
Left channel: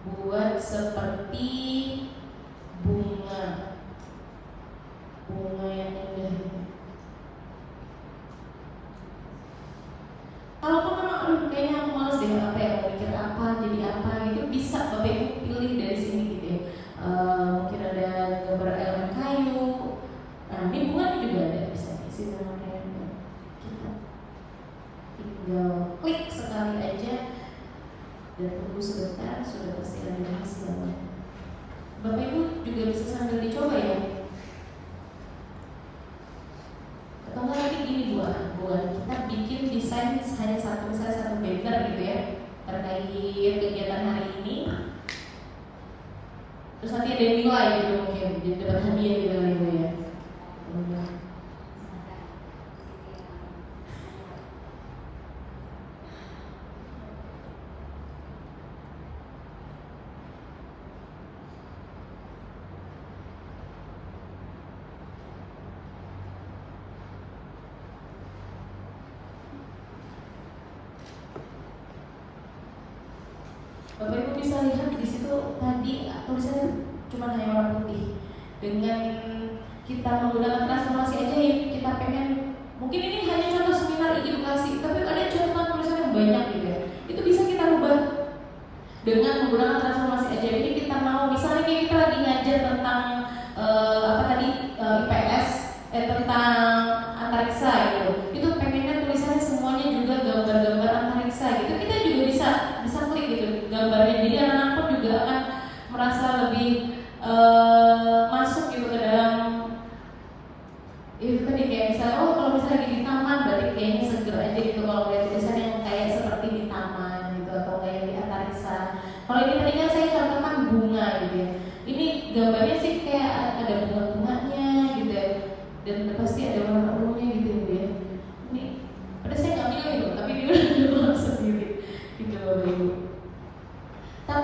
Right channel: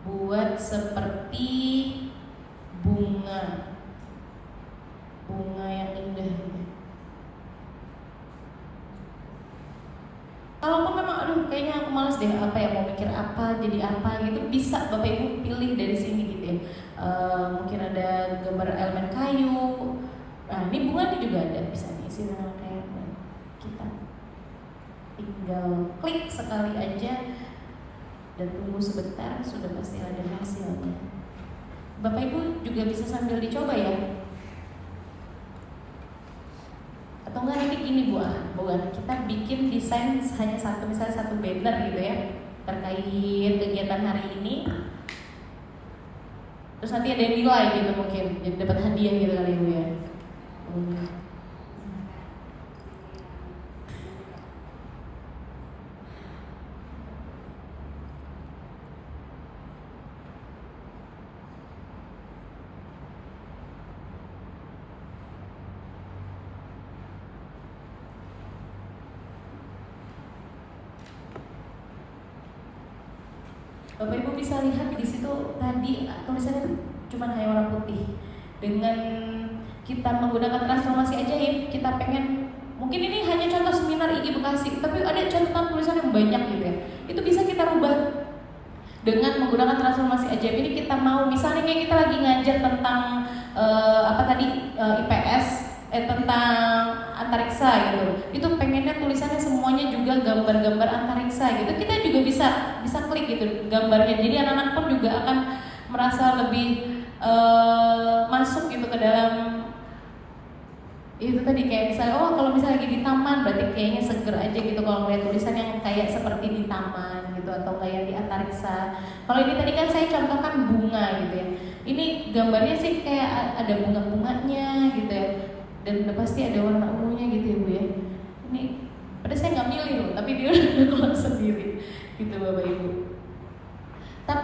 buat seperti bunga yang indah. Kalaupun memang kayaknya aku males deh apa ya, mau mikir apa jadi apa gitu, bisa Bapak Ibu pilih dari sini gitu ya. Mungkin ada gambar elemen kayu. Nah ini bunganya juga ada, bisa diisi dengan kayak kita tinggal klik sekali aja dan tunggu sebentar, sudah pasti ada hasilnya. Bapak Ibu juga bisa sambil dicoba ya. Atau enggak nanti gini buat kita bikin desain hanya satu, misalnya satu banner gitu ya terkait kegiatan hari ini. Terus nanti ada yang nilai gitu mungkin dapat hadiah gitu kali itu ya. Bapak Ibu bisa lihat di situ tadi tulisannya cuma hanya warna putih. Dengan kita menggunakan transformasi ajaib, kita pengen mungkin ini hanya contoh seminar IG Bekasi, tapi ada contoh tulisan yang banyak gitu ya. Itu bisa kita rubah dengan menggunakan transformasi ajaib. Ini kita mau misalnya kayak kita lagi ngajar tentang IPS tentang antariksa gitu. Itu pengennya tulisannya semuanya juga gambar-gambar antariksa gitu. Kita juga bisa klik gitu gambarnya. Jadi anak-anak pun juga akan merasa lebih masuk gitu ke dalam itu tadi, kayak misalnya kalau misalnya lagi di taman berarti kayaknya seger aja gitu kalau lihat tulisan yang kayak seperti di taman gitu atau kayak di antariksa. Kalau ini tadi kan saya contohkan bunga gitu ya. Ini gambarnya sih kayak ada bunga-bunganya gitu ya. Dan udah pasti ada warna ungunya gitu ya Bu ya. Ini padahal saya nggak milih loh, tapi dia udah keluar sendiri gitu Bapak Ibu.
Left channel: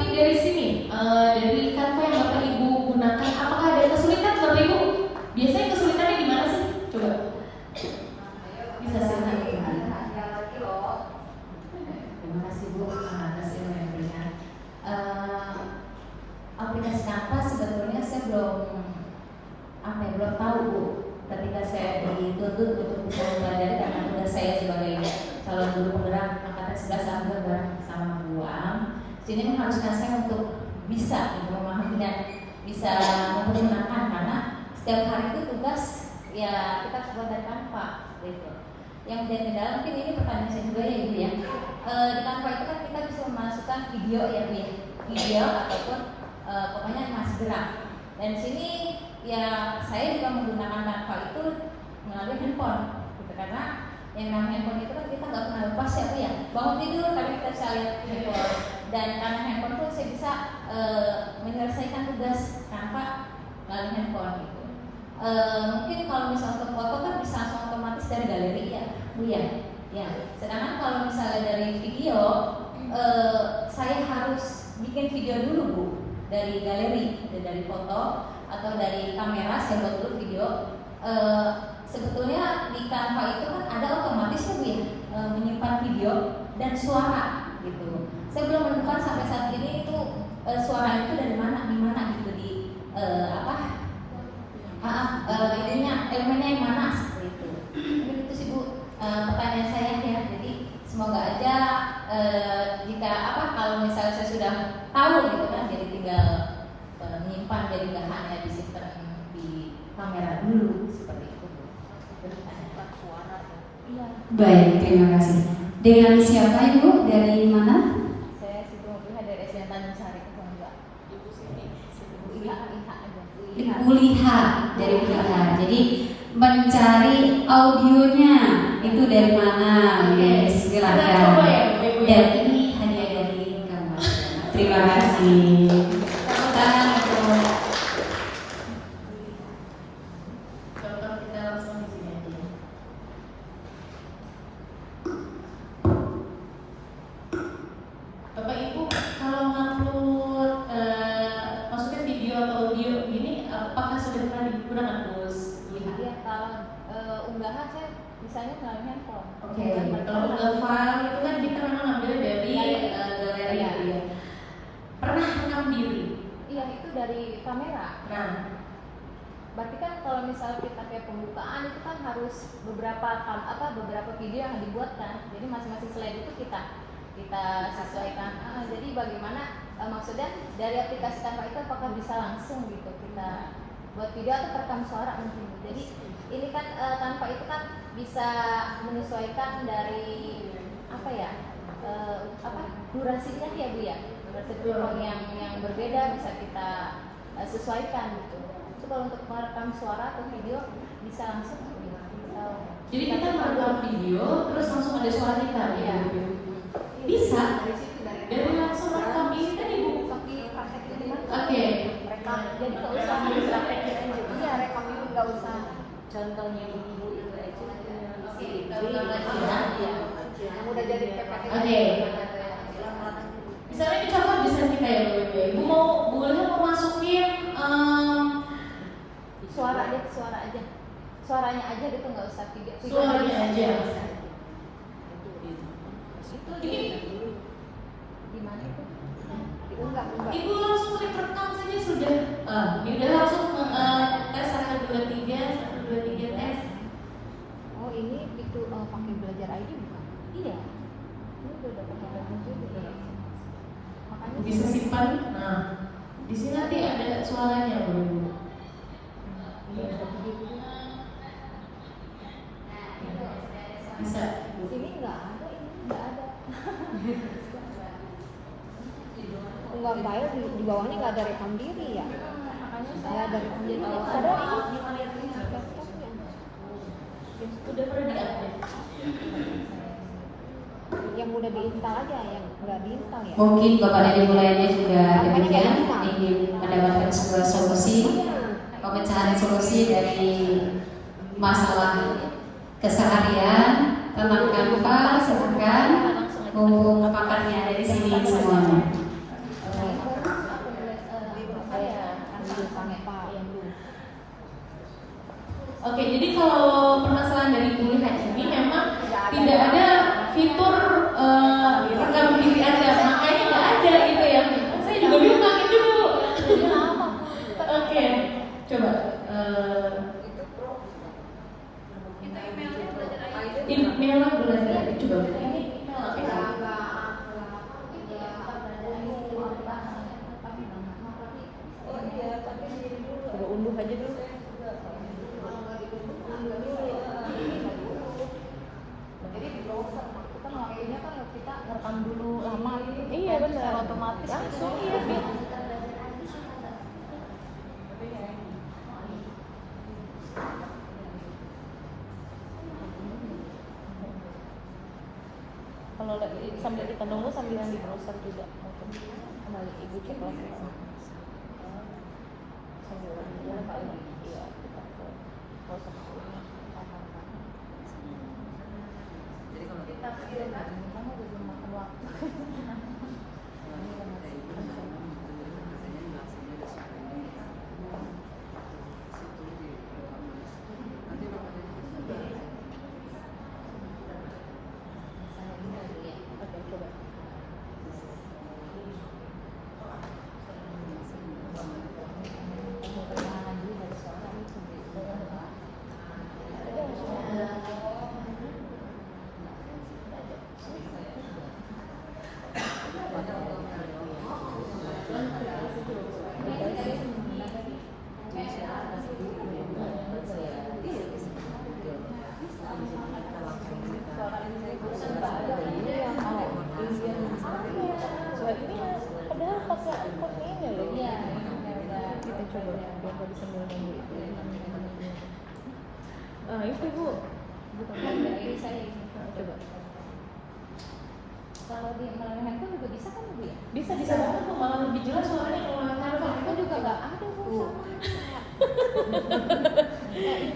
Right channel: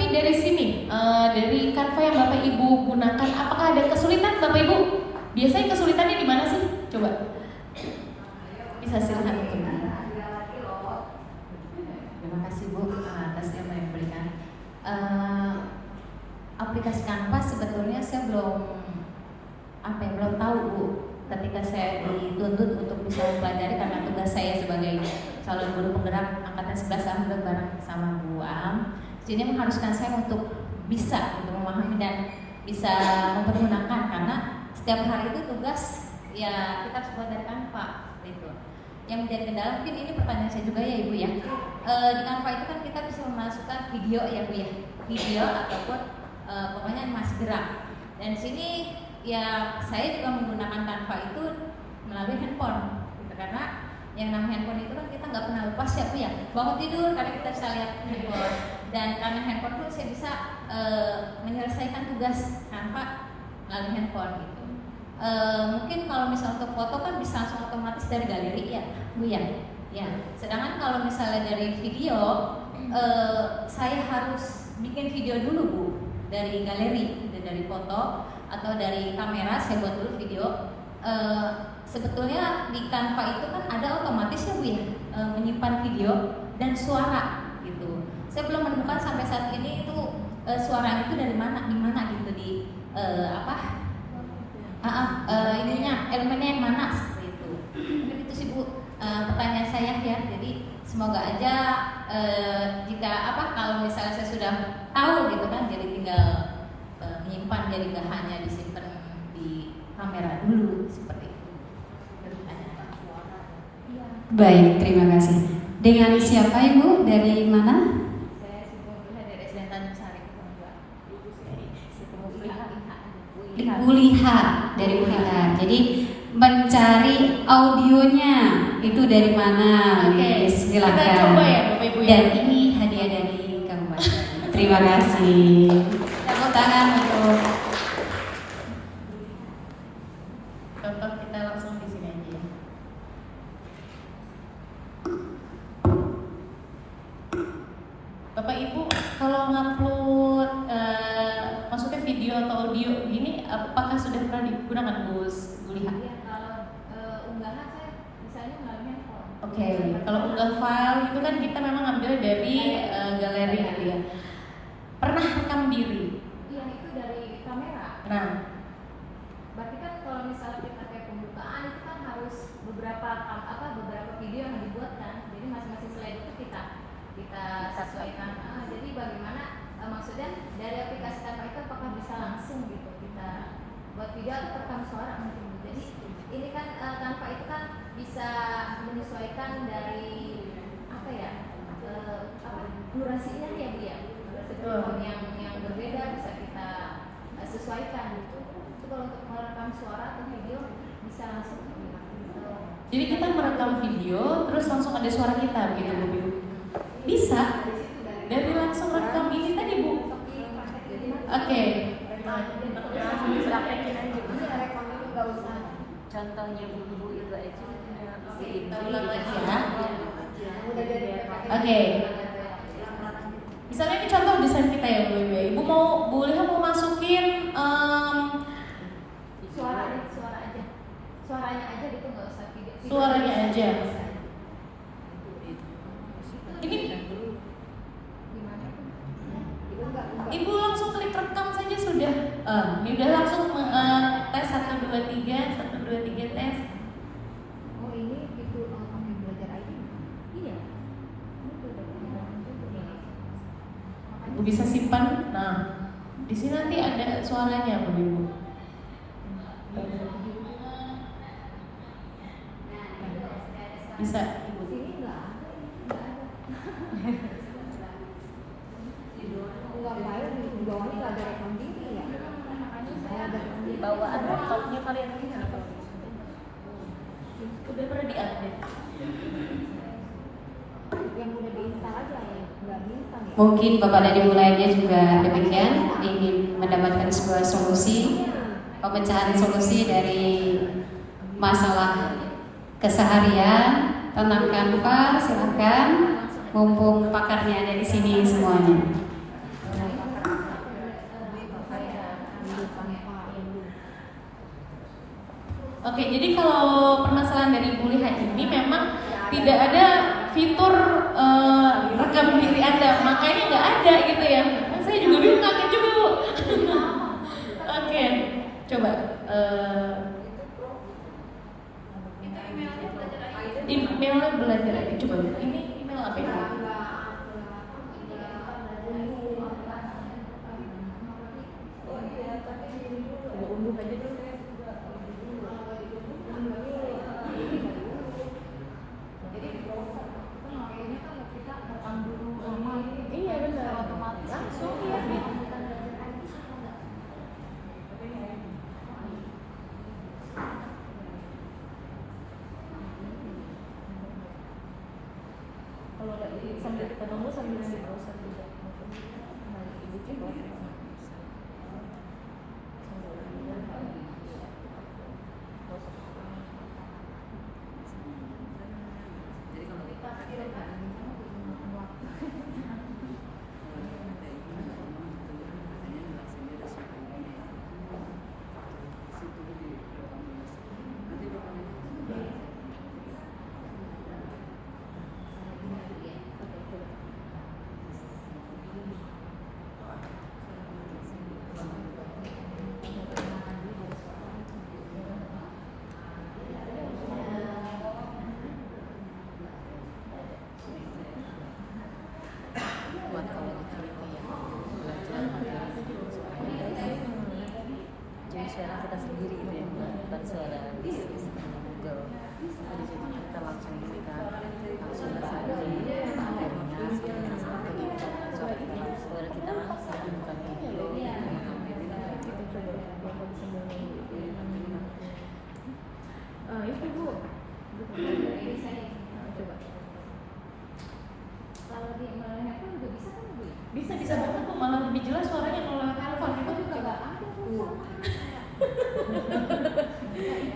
Tapi dari sini, dari Canva yang Bapak Ibu gunakan, apakah ada kesulitan Bapak Ibu? Biasanya kesulitannya di mana sih? Coba. Bisa silakan. Terima kasih Bu atas yang diberikan. Aplikasi Canva sebetulnya saya belum tahu Bu. Ketika saya dituntut untuk bisa mempelajari karena tugas saya sebagai calon guru penggerak angkatan 11 alhamdulillah bareng sama Bu Am. Jadi mengharuskan saya untuk bisa memahami dan bisa mempergunakan karena setiap hari itu tugas ya kita harus buat dari Canva gitu. Yang menjadi kendala mungkin ini pertanyaan saya juga ya Ibu ya. Di Canva itu kan kita bisa memasukkan video ya Bu ya, video ataupun pokoknya animasi gerak. Dan di sini ya saya juga menggunakan Canva itu melalui handphone gitu, karena yang namanya handphone itu kan kita nggak pernah lepas ya Bu ya. Bangun tidur karena kita bisa lihat handphone, dan karena handphone pun saya bisa menyelesaikan tugas Canva melalui handphone gitu. Mungkin kalau misalnya untuk foto kan bisa langsung otomatis dari galeri ya Bu ya. Ya. Sedangkan kalau misalnya dari video saya harus bikin video dulu Bu dari galeri, dari foto atau dari kamera saya buat dulu video. Sebetulnya di Canva itu kan ada otomatis ya Bu ya, menyimpan video dan suara gitu. Saya belum menemukan sampai saat ini itu suaranya itu dari mana, di mana gitu di ininya elemennya yang mana seperti itu. Mungkin itu sih Bu pertanyaan saya ya. Jadi semoga aja jika kalau misalnya saya sudah tahu gitu kan, jadi tinggal menyimpan, jadi nggak hanya disimpan di kamera dulu seperti itu. Baik, terima kasih. Dengan siapa Ibu? Dari mana? Saya sudah melihat dari SDN Tanjung Sari itu enggak. Ibu Liha dari Liha. Jadi mencari audionya itu dari mana? Oke, Silakan. kita coba ya Bapak Ibu ya. Dan ini hadiah dari kabupaten. Terima kasih. Tepuk tangan untuk Contoh kita langsung di sini aja. Bapak Ibu kalau ngupload maksudnya video atau audio gini, apakah sudah pernah digunakan Bu Liha? Iya, kalau unggahan saya misalnya melalui handphone. Oke, kalau unggah file itu kan kita memang ambil dari galeri gitu ya. Pernah rekam diri? Iya, itu dari kamera. Nah, Berarti kan kalau misalnya kita kayak pembukaan itu kan harus beberapa video yang dibuatkan. Jadi masing-masing slide itu kita sesuaikan. Jadi bagaimana maksudnya dari aplikasi Canva itu apakah bisa langsung gitu kita buat video atau perekam suara mungkin. Jadi ini kan Canva itu kan bisa menyesuaikan dari durasinya ya Bu ya. Setiap yang berbeda bisa kita sesuaikan gitu. Itu kalau untuk merekam suara atau video bisa langsung jadi kita merekam video terus langsung ada suara kita gitu Iya. Bu. Bisa dari langsung rekam ini tadi Bu. Oke. Jadi kalau misalnya praktekin aja Bu. Iya, nggak usah. Contohnya Bu itu aja punya dikasih aja. Oke. Misalnya ini contoh desain kita ya Bu. Ibu boleh mau masukin Suara aja. Suaranya aja gitu, nggak usah video. suaranya aja. Itu Ini gimana itu? Ibu langsung klik rekam saja sudah. Ini udah langsung tes 1 2 3 tes. Oh ini itu pakai belajar aja bukan? Iya. Ini udah pakai belajar juga. Ibu bisa simpan. Nah, di sini nanti ada suaranya Bu Ibu. Bisa. Ini nggak ada. Enggak bayar di bawahnya nggak ada rekam diri ya. Makanya Saya saya ada rekam di diri. bawah ada topnya kalian ini nggak tahu. Udah pernah diupdate. Yang udah diinstal aja, yang nggak diinstal ya. mungkin Bapak dan Ibu lainnya juga demikian ingin mendapatkan sebuah solusi, pemecahan solusi dari masalah keseharian tentang Canva. Silakan, mumpung pakarnya ada di sini semuanya. Oke, jadi kalau permasalahan dari Bu Liha ini memang tidak ada fitur rekam diri Anda, makanya nggak ada gitu ya. Saya juga bingung kaget juga Bu. Oke, coba. Emailnya belajar ini coba ini apa ini? Coba unduh aja dulu. Kan waktunya kan kita rekam dulu lama gitu. Iya benar. Secara otomatis Langsung iya. iya. Kalau lagi sambil kita nunggu sambilan dibrowser juga. Kembali ibu coba. Sambilan dulu kali. Iya. Jadi kalau kita jadi suara kita sendiri ini ya, bukan suara di Google. Padahal pas ini loh. Iya. Kita coba biar bisa nunggu itu. Itu Bu. Bukan dari saya. Coba. Kalau di melalui handphone juga bisa kan Bu? Bisa banget Bu, malah lebih jelas suaranya kalau lewat handphone. Itu juga nggak ada Bu.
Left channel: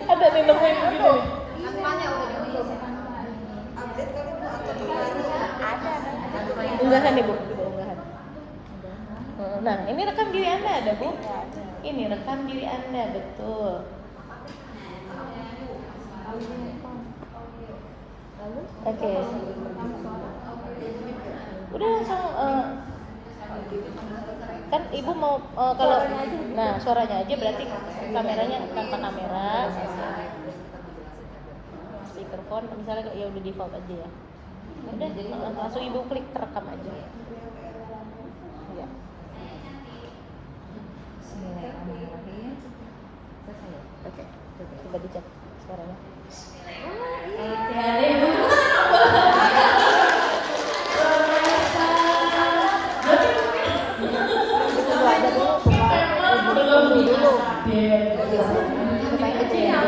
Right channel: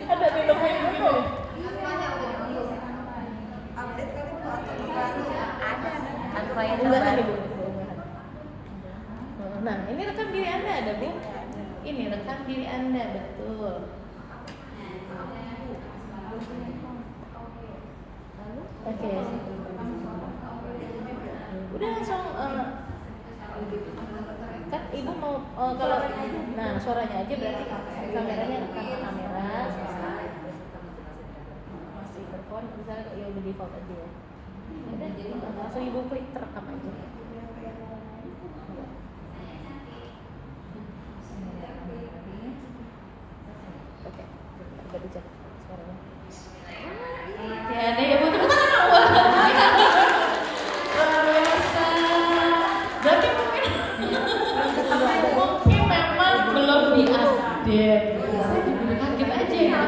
Ada nih nemuin gitu. Unggahan nih Bu, unggahan. Nah, ini rekam diri Anda ada Bu. Ini rekam diri Anda, betul. Oke. Udah langsung kan Ibu mau kalau nah suaranya aja berarti kameranya tanpa kamera. Speakerphone misalnya ya udah default aja ya. Udah langsung Ibu klik terekam aja. Ya. Oke, coba dicek suaranya. Ya deh, Ibu tepuk tangan dong. Luar biasa. Berarti mungkin memang belum diupdate. Saya kaget aja ya.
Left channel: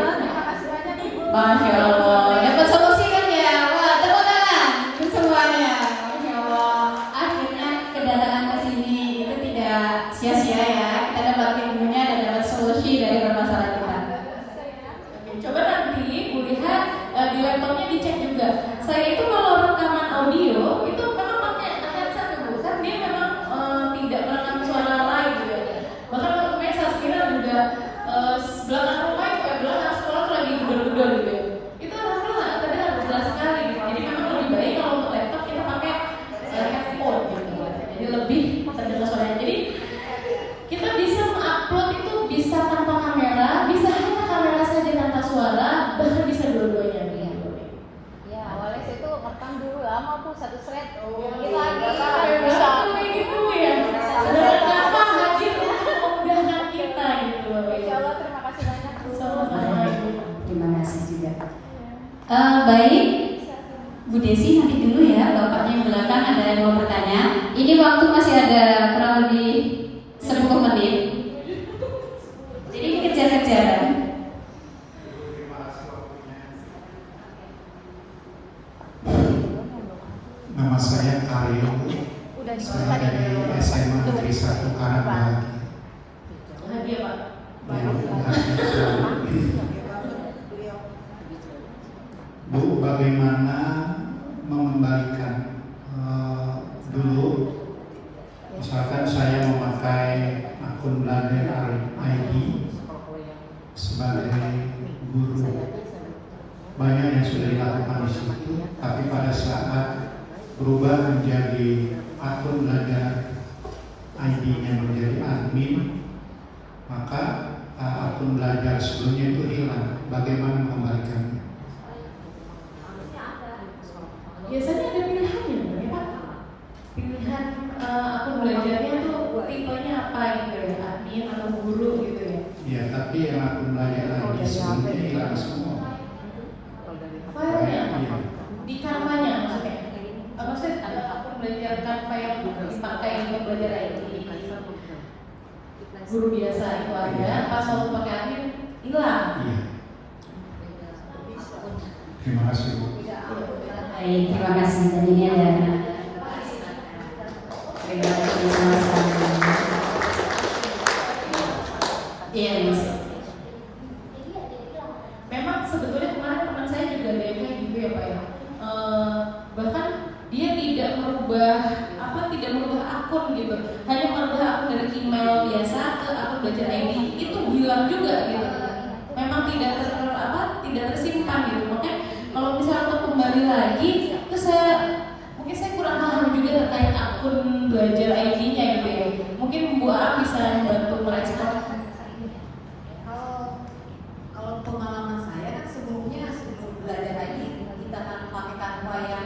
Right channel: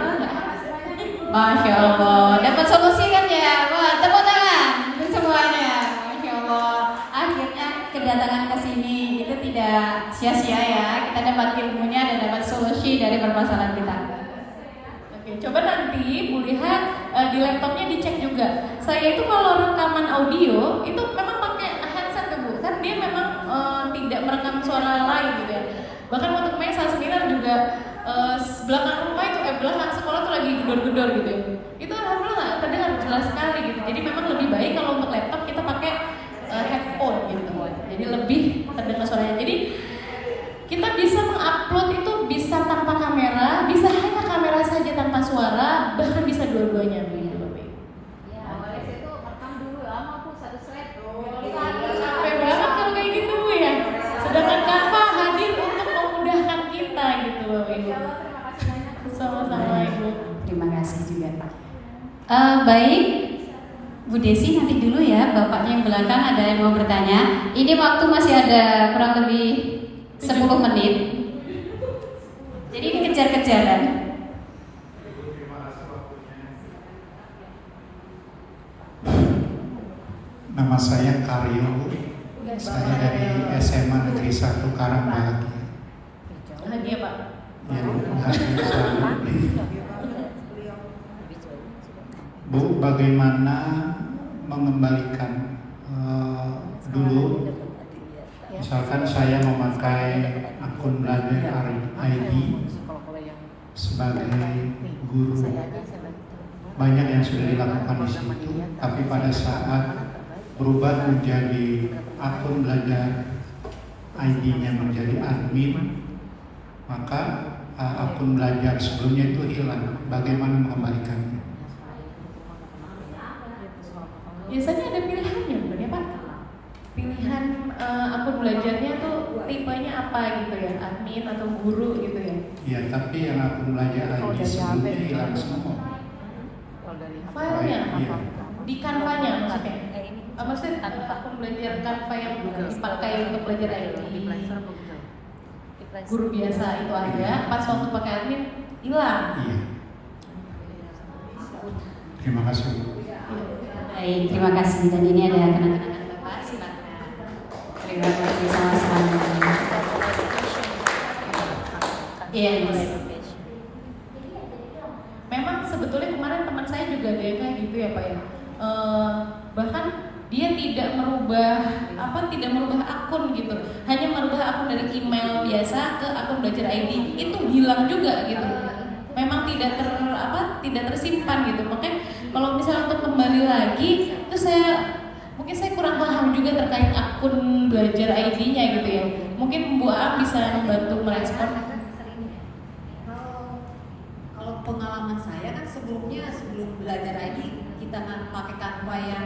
Masya Allah, dapat solusi kan ya? Wah, tepuk tangan untuk semuanya. Masya Allah, akhirnya kedatangan ke sini itu tidak sia-sia ya. Kita dapat ilmunya dan dapat solusi dari permasalahan kita. Oke, coba nanti Bu Liha di laptopnya dicek juga. Saya itu kalau rekaman audio itu memang pakai headset ya Bu, kan dia memang tidak merekam suara lain gitu ya. Bahkan waktu kemarin salah seminar juga belakang rumah itu belakang sekolah tuh lagi gedor-gedor gitu ya. Itu alhamdulillah terdengar jelas sekali gitu. Jadi memang lebih baik kalau untuk laptop kita pakai headphone gitu. Jadi lebih terdengar suaranya. Jadi kita bisa mengupload itu bisa tanpa kamera, bisa hanya kamera saja tanpa suara, bahkan bisa dua-duanya begitu. Ya, awalnya saya tuh rekam dulu lama tuh satu thread. Capek banget kan kayak gitu Bu ya. Sedangkan Kakak hadir untuk memudahkan kita gitu loh Ibu. Terima kasih banyak. Sama-sama Ibu. Terima kasih juga. Baik, Bu Desi nanti dulu ya, bapaknya yang belakang ada yang mau bertanya. Ini waktu masih ada kurang lebih 10 menit. Jadi ini kejar-kejaran. Nama saya Karyo. Saya dari SMA Negeri 1 Karangbahagia. Hadiah Pak. Yang berbahagia selalu. Bu, bagaimana mengembalikan dulu? Misalkan saya memakai akun Belajar ID sebagai guru. Banyak yang sudah dilakukan di situ, tapi pada saat berubah menjadi akun belajar, ID-nya menjadi admin, maka akun belajar sebelumnya itu hilang. Bagaimana mengembalikannya? Biasanya ada pilihannya, bukan ya Pak? Pilihan akun belajarnya tuh tipenya apa gitu ya, admin atau guru gitu ya? Ya, tapi yang akun belajar ID sebelumnya hilang semua. Filenya Iya. di Canva-nya maksudnya? Maksudnya akun belajar Canva yang dipakai untuk belajar ID. Guru biasa itu ada, pas waktu pakai admin hilang. Iya. Terima kasih. Baik, terima kasih. Dan ini ada teman-teman. Terima kasih sama-sama. Iya, Mas. Memang sebetulnya kemarin teman saya juga ada yang kayak gitu ya Pak ya. Bahkan dia tidak merubah akun gitu, hanya merubah akun dari email biasa ke akun belajar ID, itu hilang juga gitu. Memang tidak tersimpan gitu. Makanya kalau misalnya untuk kembali lagi, itu mungkin saya kurang paham juga terkait akun belajar ID-nya gitu ya. Mungkin Bu Am bisa membantu merespon. Kalau pengalaman saya kan sebelum belajar ID kita kan pakai Canva yang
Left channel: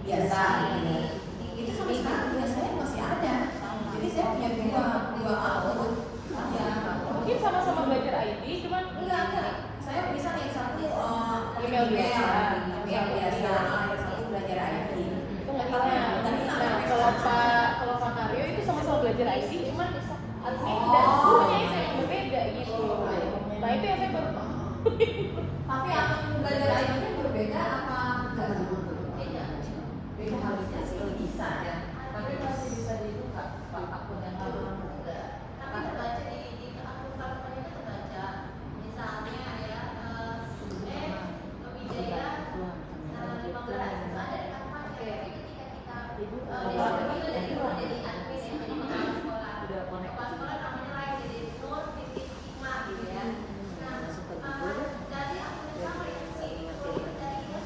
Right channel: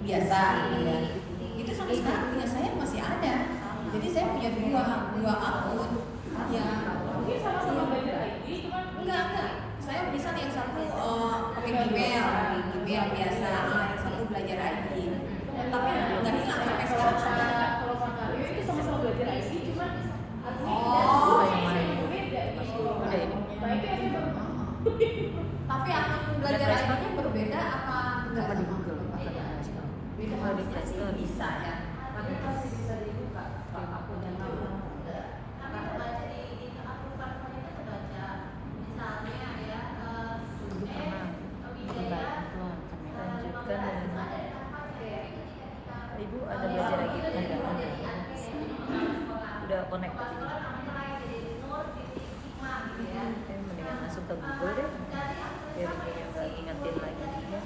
biasa gitu. Itu sampai sekarang punya saya masih ada. Jadi saya punya dua akun. Ya, Mungkin sama-sama belajar ID, cuman enggak. Saya bisa yang satu pakai email biasa, yang satu belajar ID. Tapi dari sampai sekarang kalau Kak Aryo itu sama-sama belajar ID, cuman Oh. beda gitu. Nah itu yang saya tapi akun belajar ID-nya berbeda apa enggak? Beda harusnya bisa ya. Tapi masih bisa dibuka akun yang normal. Tapi baca di akun Canva itu baca, misalnya ya, Wijaya ada pakai itu ketika kita Ibu ada udah connect masuk ke Google deh biar dia nggak ingetin lagi ya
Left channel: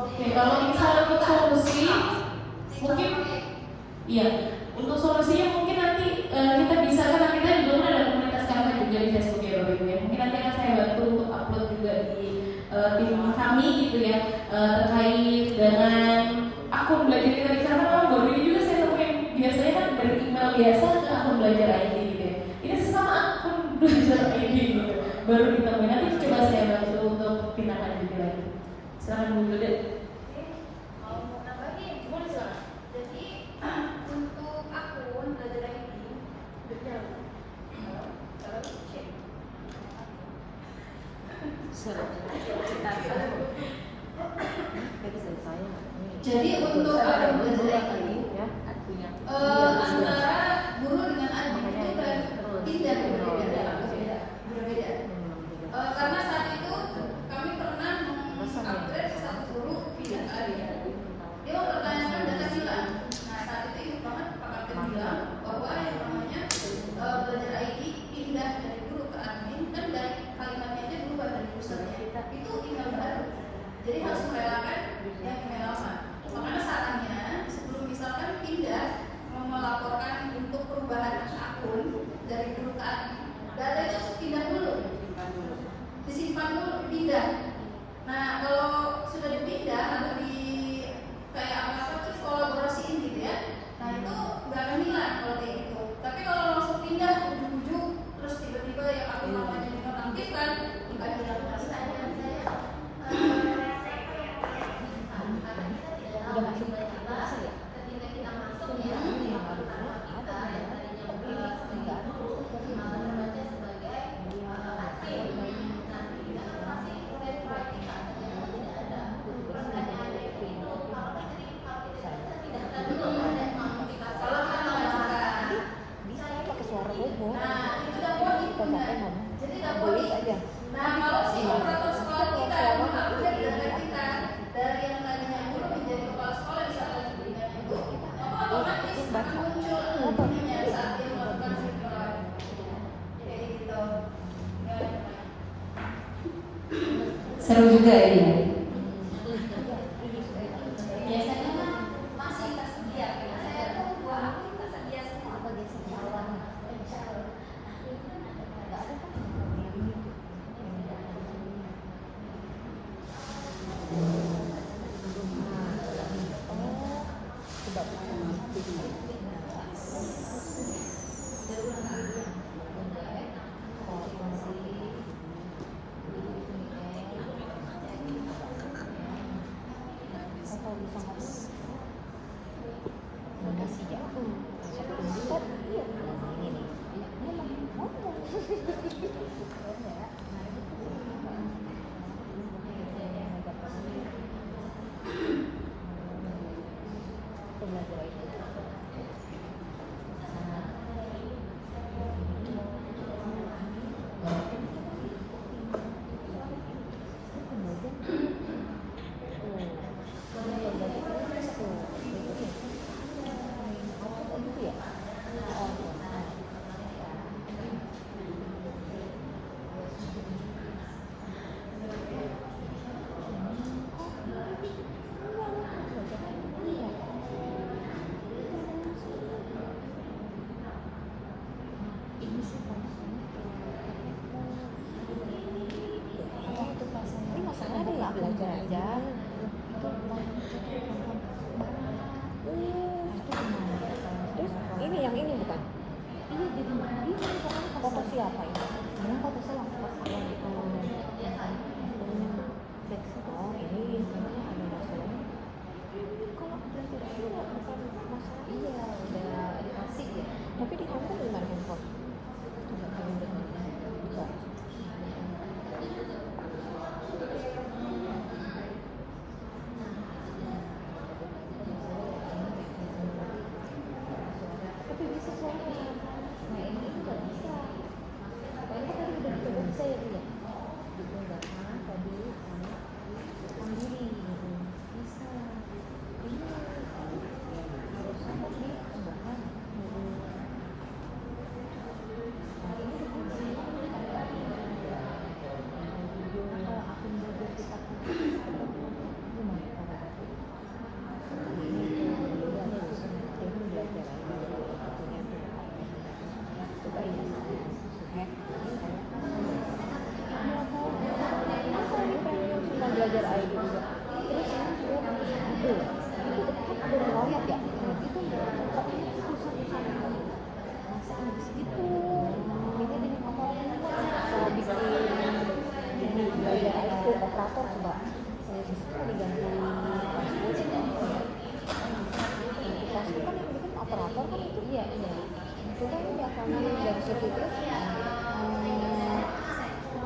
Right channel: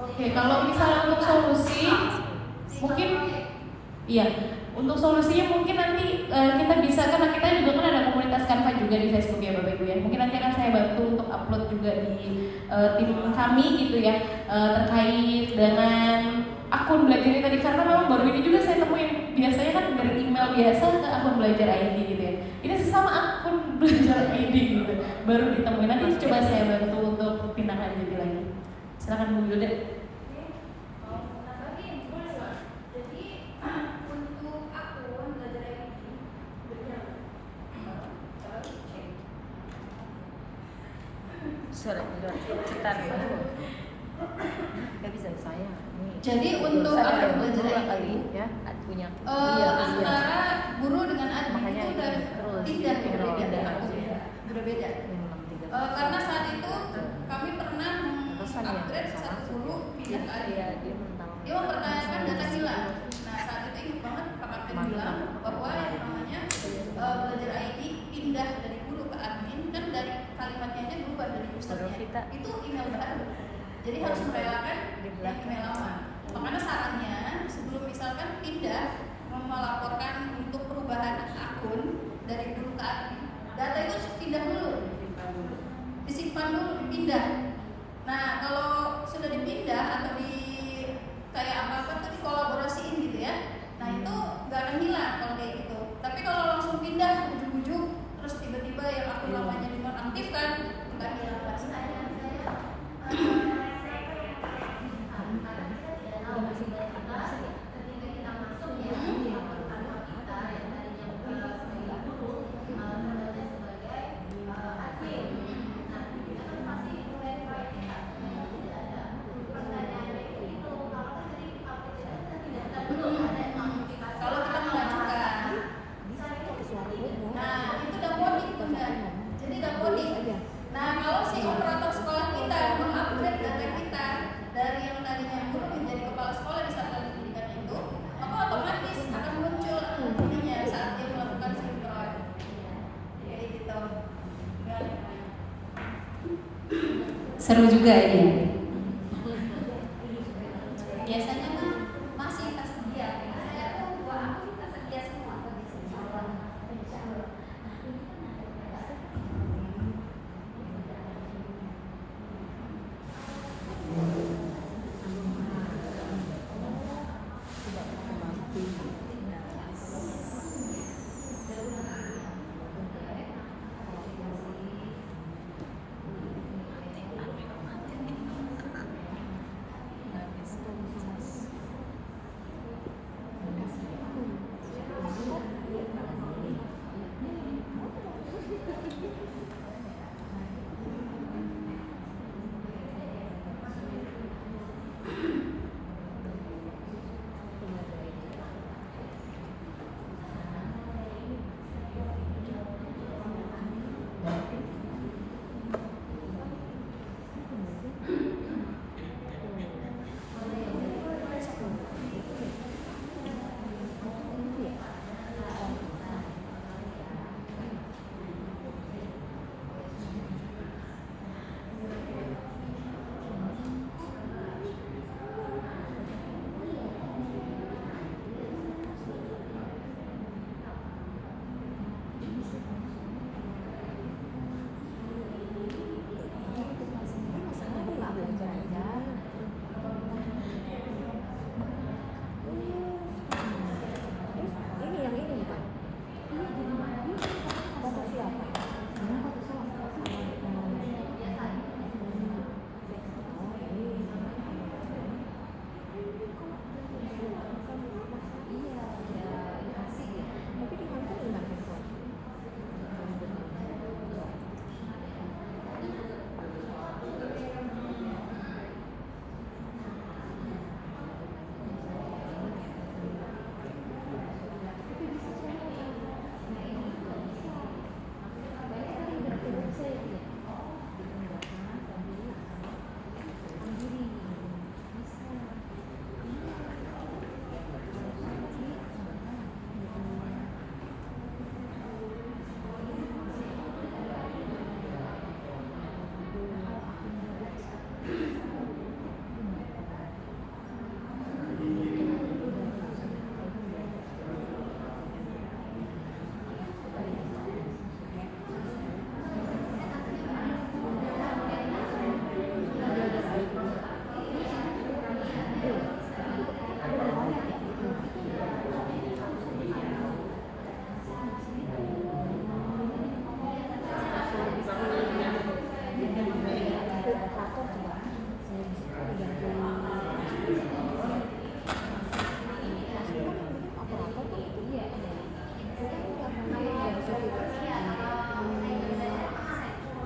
Oke, kalau misalnya untuk solusi, mungkin iya, untuk solusinya mungkin nanti kita bisa, karena kita juga kan ada komunitas Canva juga di Facebook ya Bapak Ibu ya. Mungkin nanti akan saya bantu untuk upload juga di tim kami gitu ya, terkait dengan akun belajar ini tadi, karena memang baru ini juga saya temuin. Biasanya kan dari email biasa ke akun belajar ID gitu ya. Ini sesama akun belajar ID gitu, baru ditemuin. Nanti coba saya bantu untuk pindah lanjut lagi. Silakan Bu Yuda. untuk akun belajar ID suara udah cetar nggak bisa saya Jadi untuk akun belajar kali ID ya punya antara guru dengan admin itu udah tidak berbeda. Karena saat itu kami pernah mengupgrade satu guru pindah ke admin. Dia mempertanyakan data hilang. Nah saat itu ingat banget Pak Kapten bilang bahwa yang namanya belajar ID pindah dari guru ke admin dan dari kalimatnya aja berubah dari pusatnya. Itu tinggal baru. Jadi harus merelakan yang email lama. Makanya sarannya sebelum misalkan pindah melaporkan untuk perubahan akun dari guru ke admin, data itu harus pindah dulu, disimpan dulu, dipindah. Nah kalau sudah dipindah atau di kayak apa Seru juga ini. Biasanya kan masih tersedia. Aku tersedia semua.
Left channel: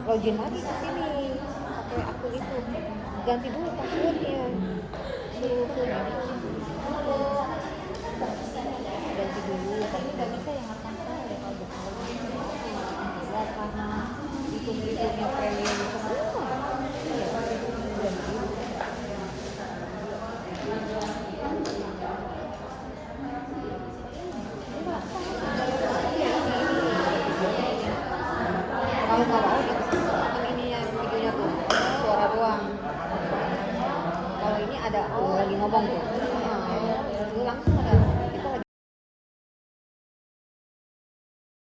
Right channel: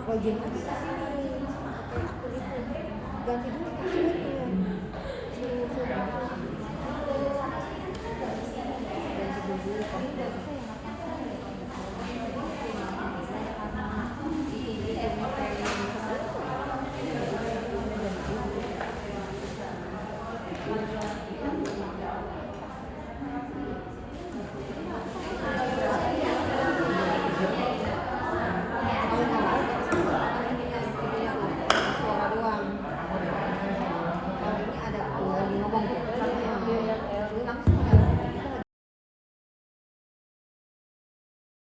Login lagi ke sini pakai akun itu, ganti dulu password.